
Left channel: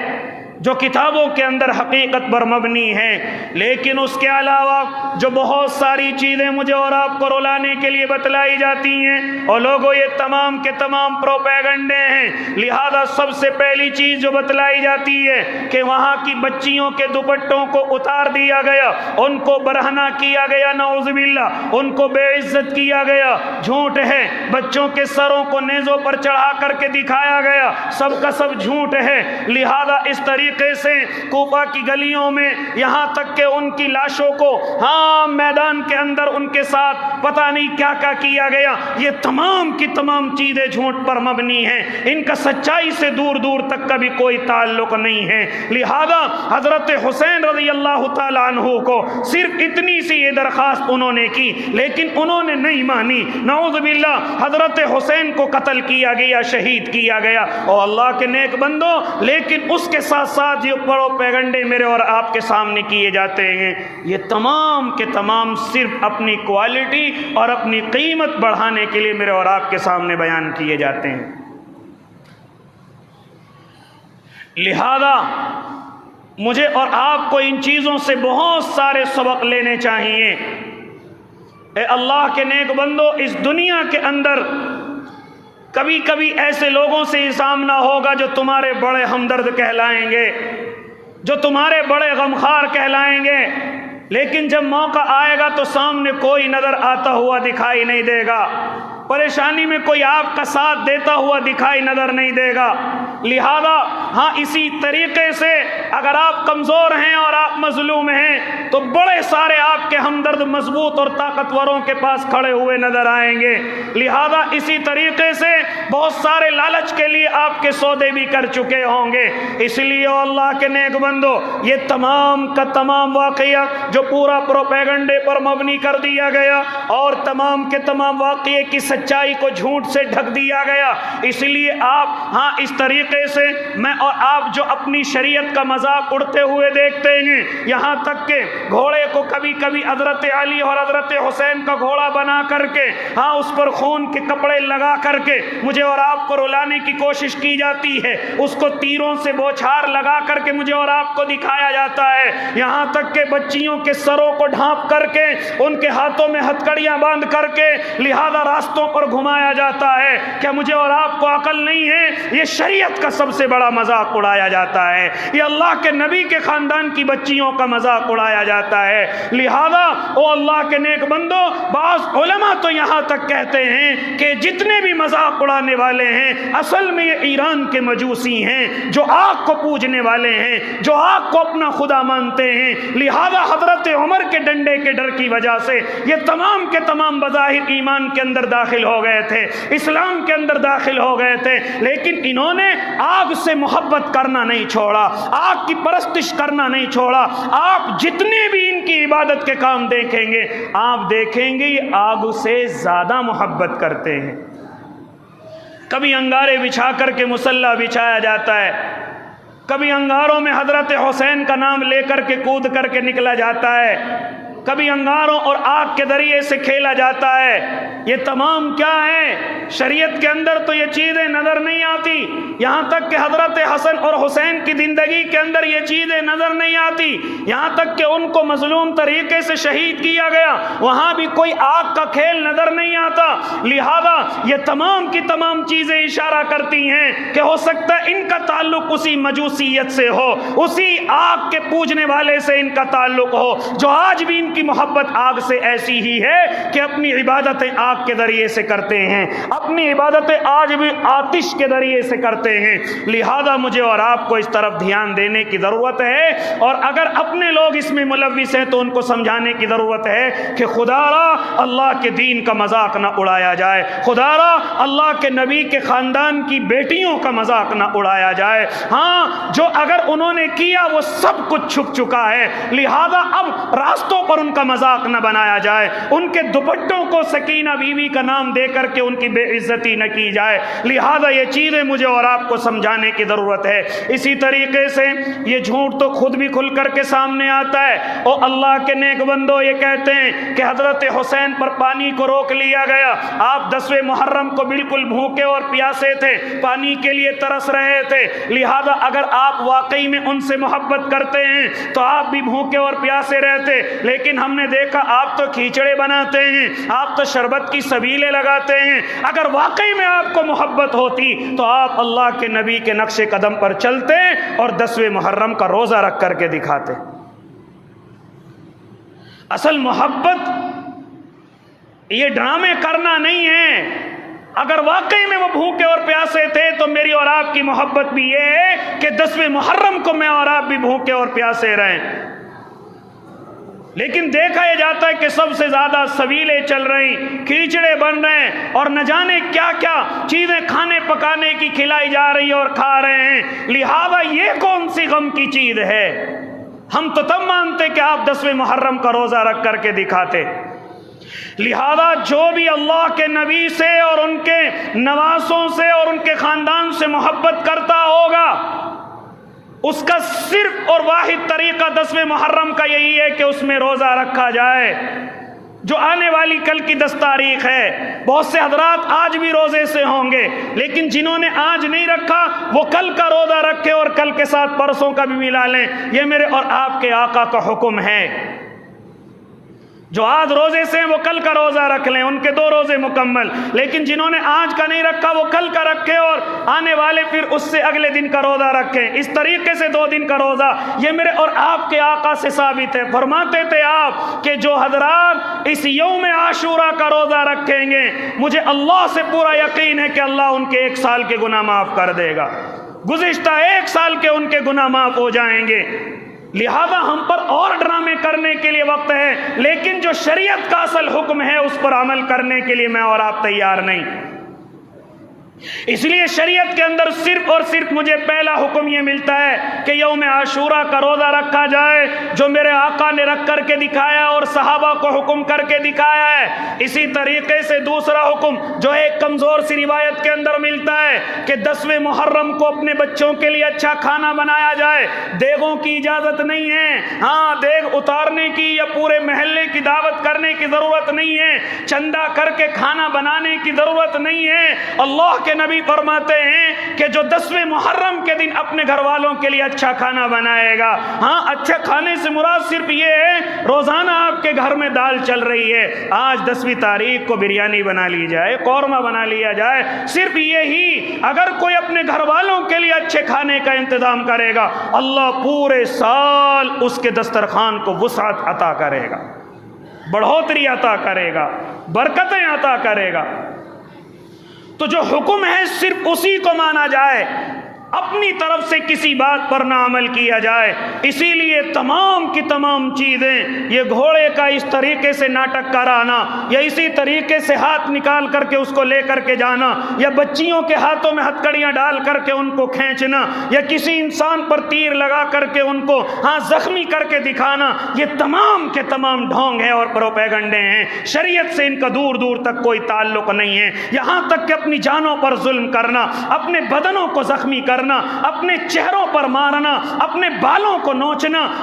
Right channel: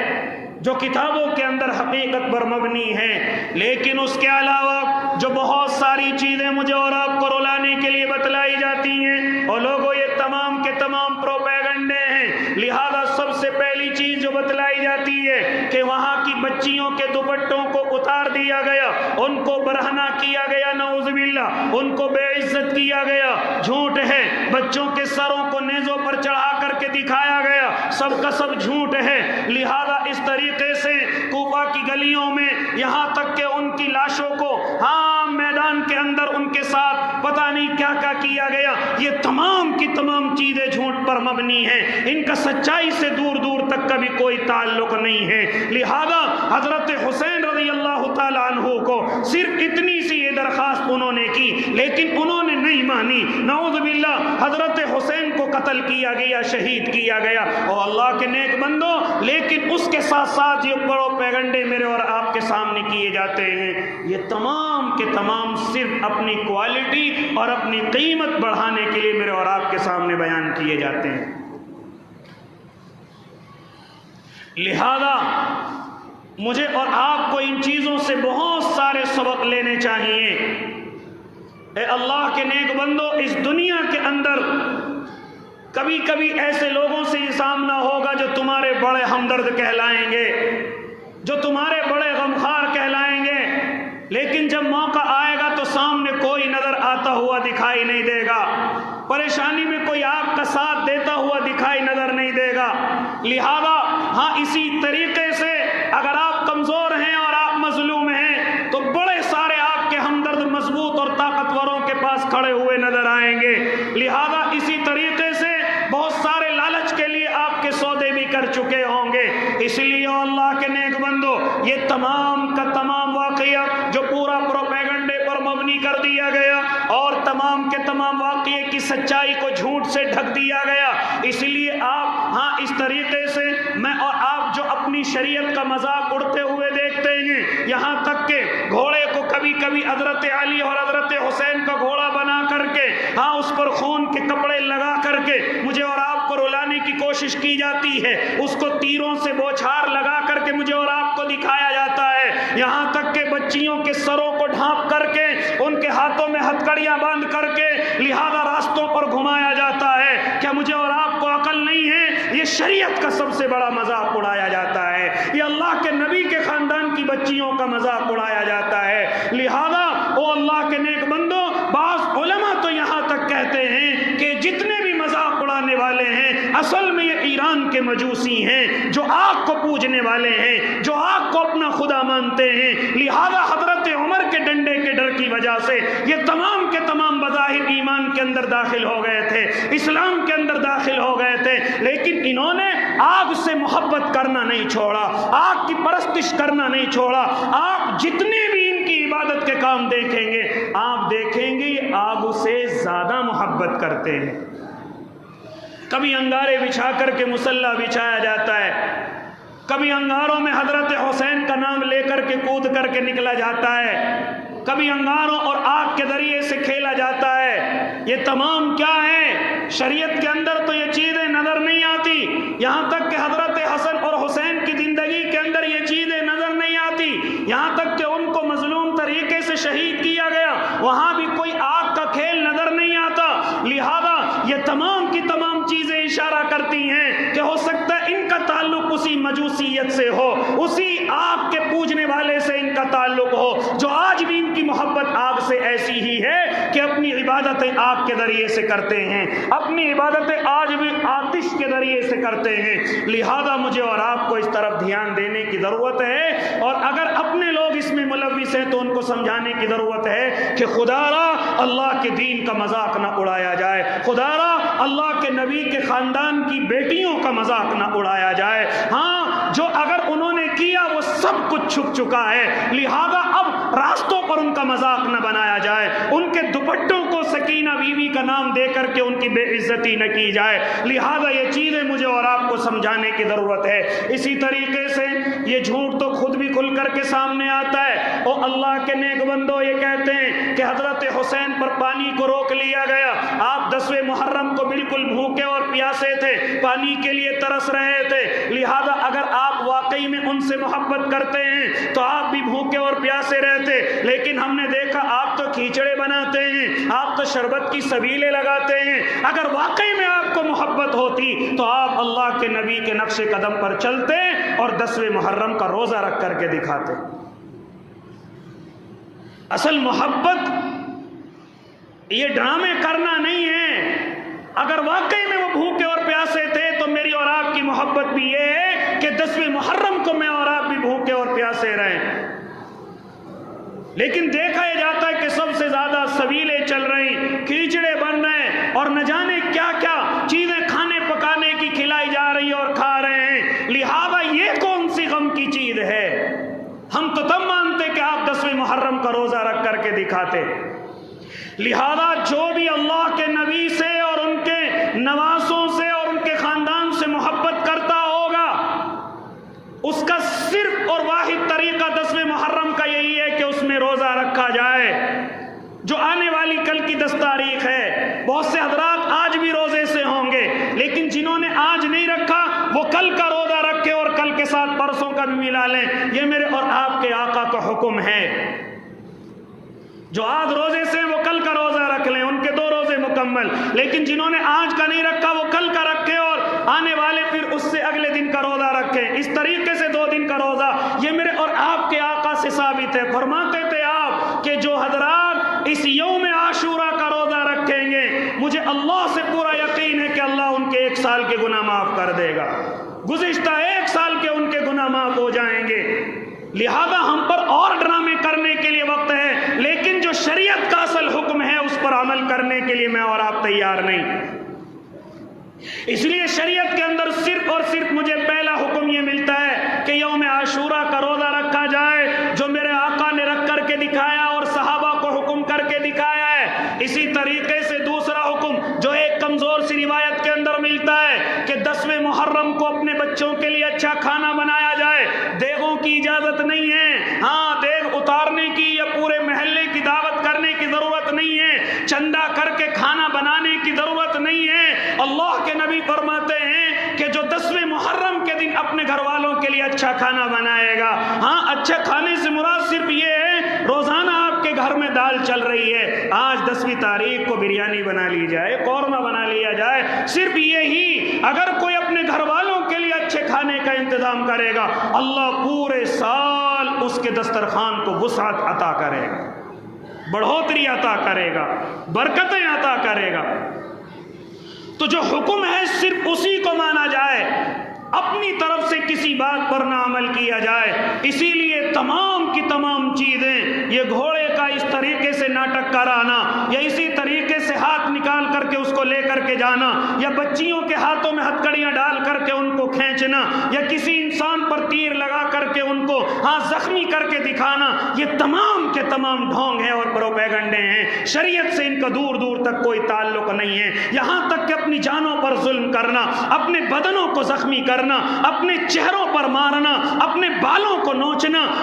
جو کتابوں کے اندر حقیقت پر مبنی ہے، لیکن اس کے علاوہ جو بہت ساری چیزیں مجھے اور آپ کو رلانے کے لیے بتلائی جاتی ہیں، اور لوگوں یہ تمام کے تمام پروپیگنڈے ہیں۔ لہذا سب سے پہلی چیز جو بتلائی جاتی ہے کہ وہاں کی بچیوں کے دوپٹوں کو اتار دیا گیا، ان کو برہنہ کیا گیا، نعوذ باللہ، ان کو بے عزت کیا گیا، جھوٹ ہے۔ بچوں کے سروں کو نیزوں پر چڑھا کر کے دکھایا گیا، سب کا سب جھوٹ ہے۔ لہذا اس طریقے سے کوفہ کی گلیوں میں یہاں تک کہ ان کی لاشوں کو میدان کے اندر ان کے ساتھ پتہ نہیں کیا کیا کیا گیا، یہ تمام کی تمام چیزیں جھوٹ پر مبنی ہیں، ان کا سچائی سے دور دور تک کا بھی کوئی تعلق نہیں ہے۔ لہذا حضرت حسین رضی اللہ تعالی عنہ کو صرف اتنی سی یہ درخواست انہوں نے کی، لیکن انہوں نے نہیں مانی، نعوذ باللہ حضرت حسین کو قتل کیا گیا، شہید کیا گیا۔ اور اللہ کے نیک بندو، لیکن اس کے ساتھ ساتھ یہ پروپیگنڈے میرے اور آپ کے سامنے کیے جاتے ہیں، یہ تمام کے تمام صرف اپنی کوالٹی اور اپنی قیمت بڑھانے کے لیے میرے اور آپ کے سامنے بیان کیے جاتے ہیں۔ لہذا مجھے اور آپ کو ان چیزوں سے بہت سارے سبق لینے چاہیے۔ اے اللہ کے نیک بندو، اس دنیا کے اندر کبھی کبھی ایسے لوگوں سے ہی سامنا ہوگا جو تمہارے بڑے ہمدرد کہلائیں گے، جو تمہارے بڑے غمخوار کہلائیں گے، لیکن جب موقع آئے گا تو سامنے کوئی نظر آتا ہوا دکھائی نہیں دے گا، پریشانی میں کوئی آپ کا ساتھ دیتا ہوا دکھائی نظر نہیں دے گا۔ لہذا اسی طریقے سے اگر آپ کمزور ہیں اور آپ مظلوم ہیں تو بڑے سارے آپ کے ہمدرد مضبوط اور طاقتوروں کے پاس کھڑے ہوئے نظر آئیں گے۔ لہذا اسی طریقے سے بہت سارے لالچ کے لیے آپ کے سودے بھی کر چکے ہوں گے۔ اس لیے اللہ کے نیک بندو، یہ تمام کا تمام واقعہ جو پورا پروپیگنڈے پر مبنی کر دیا گیا اور تمام کے تمام واقعے کی سچائی کو جھوٹ سے ڈھک دیا گیا، اس لیے آپ اس طریقے سے میں اور آپ جو اپنی شریعت کا مذاق اڑتے ہوئے دیکھتے ہیں، یہاں تک کہ گھوڑے کو کبھی کبھی حضرت علی اور حضرت حسین کا گھوڑا بنا کر کے اس پر خون کے کپڑے لگا کر کے مجھے اور آپ کو رلانے کی کوشش کی جاتی ہے، اس کو تیروں سے بوچھار لگا کر کے مجھے اور آپ کو دکھایا جاتا ہے، یہاں تک کہ بچیوں کے سروں کو ڈھانپ کر کے ان کے ہاتھوں میں ہتھکڑیاں باندھ کر کے لہذا راستوں پر گھمایا جاتا ہے۔ کیا مجھے اور آپ کو عقل نہیں ہے؟ یہ شریعت کا سب سے بڑا مذاق اڑایا جاتا ہے، یہ اللہ کے نبی کے خاندان کی بچیوں کا مذاق اڑایا جاتا ہے۔ لہذا اللہ کے نیک بندو، بعض علماء تو یہاں تک کہتے ہیں کہ جتنے بھی مذاق اڑانے والے ہیں اصل میں یہ ایران کے مجوسی ہیں جو آگ کو پوجنے والے ہیں، جو آگ کو اپنا خدا مانتے ہیں۔ لہذا حضرت عمر کے ڈنڈے کے ڈر کی وجہ سے یہ تمام کے تمام بظاہر ایمان کے اندر داخل ہو گئے تھے، اسلام کے اندر داخل ہو گئے تھے، لیکن انہوں نے آگ سے محبت کرنا نہیں چھوڑا، آگ کی پرستش کرنا نہیں چھوڑا۔ آپ جتنے بھی ان کی عبادت کے کام دیکھیں گے، آپ دیکھیں گے یہ آگ سے زیادہ محبت کرتے ہیں۔ کبھی انگارے بچھا کر کے مصلی بچھایا جاتا ہے، کبھی انگاروں میں حضرت حسین کا نام لے کر کے کود کر کے نکلا جاتا ہے، کبھی انگاروں اور آگ کے ذریعے سے کھیلا جاتا ہے۔ یہ تمام کیا ہے؟ شریعت کے اندر تو یہ چیزیں نظر نہیں آتی، یہاں تک کہ حضرت حسن اور حسین کی زندگی کے اندر یہ چیزیں نظر نہیں آتی، یہاں تک کہ ان کو مظلوم طریقے سے شہید کیا گیا، وہاں بھی کوئی آگ کا کھیل نظر نہیں آتا۔ لہذا یہ تمام کی تمام چیزیں اشارہ کرتی ہیں کہ ہو سکتا ہے ان کا تعلق اسی مجوسیت سے ہو، اسی آگ کے پوجنے والے سے ان کا تعلق ہو، جو آج بھی ان کی محبت آگ سے ایسی ہی ہے کہ اپنی عبادتیں آگ کے ذریعے سے کرتے ہیں، اپنی عبادتیں آج بھی آتش کے ذریعے سے کرتے ہیں۔ لہذا مجھے اور آپ کو اس طرف دھیان دینے کی ضرورت ہے، اور اگر اپنے لوگ اس میں ملوث ہیں تو ان کو سمجھانے کی ضرورت ہے کہ خدا را اللہ کے دین کا مذاق نہ اڑایا جائے، خدا را اللہ کے نبی کے خاندان کی بیٹیوں کا مذاق نہ اڑایا جائے۔ ہاں، جو اگر انہوں نے کیا وہ سب کچھ چھپ چکا ہے، لہذا اب راستوں پر ان کا مذاق نہ بنایا جائے، ان کے دوپٹوں کو سکینہ بیوی کا نام دے کر کے ان کی بے عزتی نہ کی جائے۔ لہذا یہ چیزیں مجھے اور آپ کو سمجھانے کی ضرورت ہے۔ اسی طریقے سے یہ جھوٹ تو خود بھی کھل کر کے سامنے آتا ہے، اور اللہ کے نیک بندو یہ کہتے ہیں کہ حضرت حسین پر پانی کو روک لیا گیا، آپ 10ویں محرم کو بالکل بھوکے اور پیاسے تھے، پانی کے لیے ترس رہے تھے، لہذا اگر آپ واقعی میں ان سے محبت کرتے ہیں تو آپ بھی بھوکے اور پیاسے رہتے، لیکن ہم نے دیکھا آپ تو کھیچڑے بناتے ہیں، آپ تو شربت کی سبیلیں لگاتے ہیں۔ اگر واقعی میں آپ کو محبت ہوتی تو آپ اللہ کے نبی کے نقش قدم پر چلتے اور 10ویں محرم کا روزہ رکھ کر کے دکھاتے۔ اصل محبت یہ ڈرامے کرنا نہیں ہے۔ اگر واقعی میں وہ بھوکے اور پیاسے تھے تو میری اور آپ کی محبت بھی یہ ہے کہ 10ویں محرم کو میں اور آپ بھی بھوکے اور پیاسے رہیں۔ لیکن دیکھا یہ جاتا ہے کہ سب سے زیادہ سبیلیں چل رہی، کھیچڑے بن رہے ہیں، اور نہ جانے کیا کیا چیزیں کھانے پکانے کی کھلائی جا رہی اور کھا رہے ہیں۔ لہذا یہ کون سی غم کی چیز ہے؟ ہم تو تب مانتے کہ آپ 10ویں محرم کا روزہ رکھ کر کے دکھاتے۔ لہذا جو بھی اللہ کے نبی سے اور ان کے نواسوں سے اور ان کے خاندان سے محبت کرتا ہوگا، اس کا صرف اور واحد طریقہ 10ویں محرم کا یہی ہے کہ اس میں روزہ رکھا جائے، جو آنے والی کل کی 10 تاریخ ہے۔ بہت سے حضرات آج بھی روزے سے ہوں گے، لیکن جنہوں نے آج نہیں رکھا وہ کل کا روزہ رکھے اور کل کے ساتھ پرسوں کا بھی ملا لیں۔ یہ میرے اور آپ کے آقا کا حکم ہے۔ جو آج روزے سے ہیں وہ کل کا روزہ رکھ لیں، ان کے 2 روزے مکمل، لیکن جنہوں نے آج کا نہیں رکھا وہ کل کا رکھے اور آنے والے پھر اس سے اگلے دن کا روزہ رکھیں۔ اس طریقے سے 2 دن کا روزہ یہ میرے اور آپ کے آقا سے ثابت ہے۔ فرماتے تھے آپ کہ جو حضرات اس یوم عاشوراء کا روزہ رکھیں گے، مجھے اللہ سے پورا یقین ہے کہ اللہ ان کے 1 سال کے گناہ معاف کر دے گا، گزشتہ 1 سال کے ان کے گناہ معاف ہو جائیں گے۔ لہذا ہم پر اور ڈرامے کرنے کے لیے وقت ہے، لیکن جو شریعت کا اصل حکم ہے اس پر عمل کرنے کے لیے میں اور آپ تیار نہیں۔ اس لیے شریعت کے اندر صرف اور صرف مجھے پہلا حکم یہ ملتا ہے کہ یوم عاشوراء کا روزہ رکھا جائے، جو میرے آقا نے رکھ کر کے دکھایا اور صحابہ کو حکم کر کے دکھایا ہے۔ اسی طریقے سے دوسرا حکم جو ایک کمزور سی روایت کے اندر ملتا ہے کہ 10ویں محرم کو اپنے بچوں کے لیے اچھا کھانا بنایا جائے، دیگوں کی اجازت نہیں ہے، ہاں دیگ اتارنے کی یا پورے محلے کی دعوت کرنے کی ضرورت نہیں ہے، چندہ کر کے کھانا بنانے کی ضرورت نہیں ہے۔ اللہ کے نبی فرماتے ہیں کہ جو 10ویں محرم کے دن اپنے گھر والوں کے لیے اچھا کھانا بنائے گا، ہاں اچھا کھانے سے مراد صرف یہ ہے روزانہ آپ کے گھر میں دال چل رہی ہے، آج 10ویں تاریخ کو بریانی بنا لی جائے، قورمہ بنا لیا جائے، صرف یہی۔ اگر کوئی اپنے گھر والوں کے لیے اچھے کھانے کا انتظام کرے گا، اللہ پورے سال اس کے دسترخوان کو وسعت عطا کرے گا، بڑھوتری عطا کرے گا، برکتیں عطا کرے گا۔ تو جو حکم ہے صرف اسی کو مانا جائے، اپنی طرف سے کسی بات پر نہ عمل کیا جائے۔ اسی لیے تمام کی تمام چیزیں، یہ گھوڑے کا اس طریقے سے ناٹک کرانا، یا اسی طریقے سے ہاتھ نکال کر کے اس کو لے کر کے جانا، یا بچیوں کے ہاتھوں میں ہتھکڑیاں ڈال کر کے ان کو کھینچنا، یا کسی انسان پر تیر لگا کر کے ان کو زخمی کر کے دکھانا، یہ تمام کے تمام ڈھونگ ہیں اور پروپیگنڈے ہیں۔ شریعت سے ان کا دور دور تک کوئی تعلق نہیں ہے۔ یہاں تک کہ اپنی جانوں پر ظلم کرنا، اپنے بدنوں کو زخمی کرنا، اپنے چہروں پر مارنا، اپنے بالوں کو نوچنا،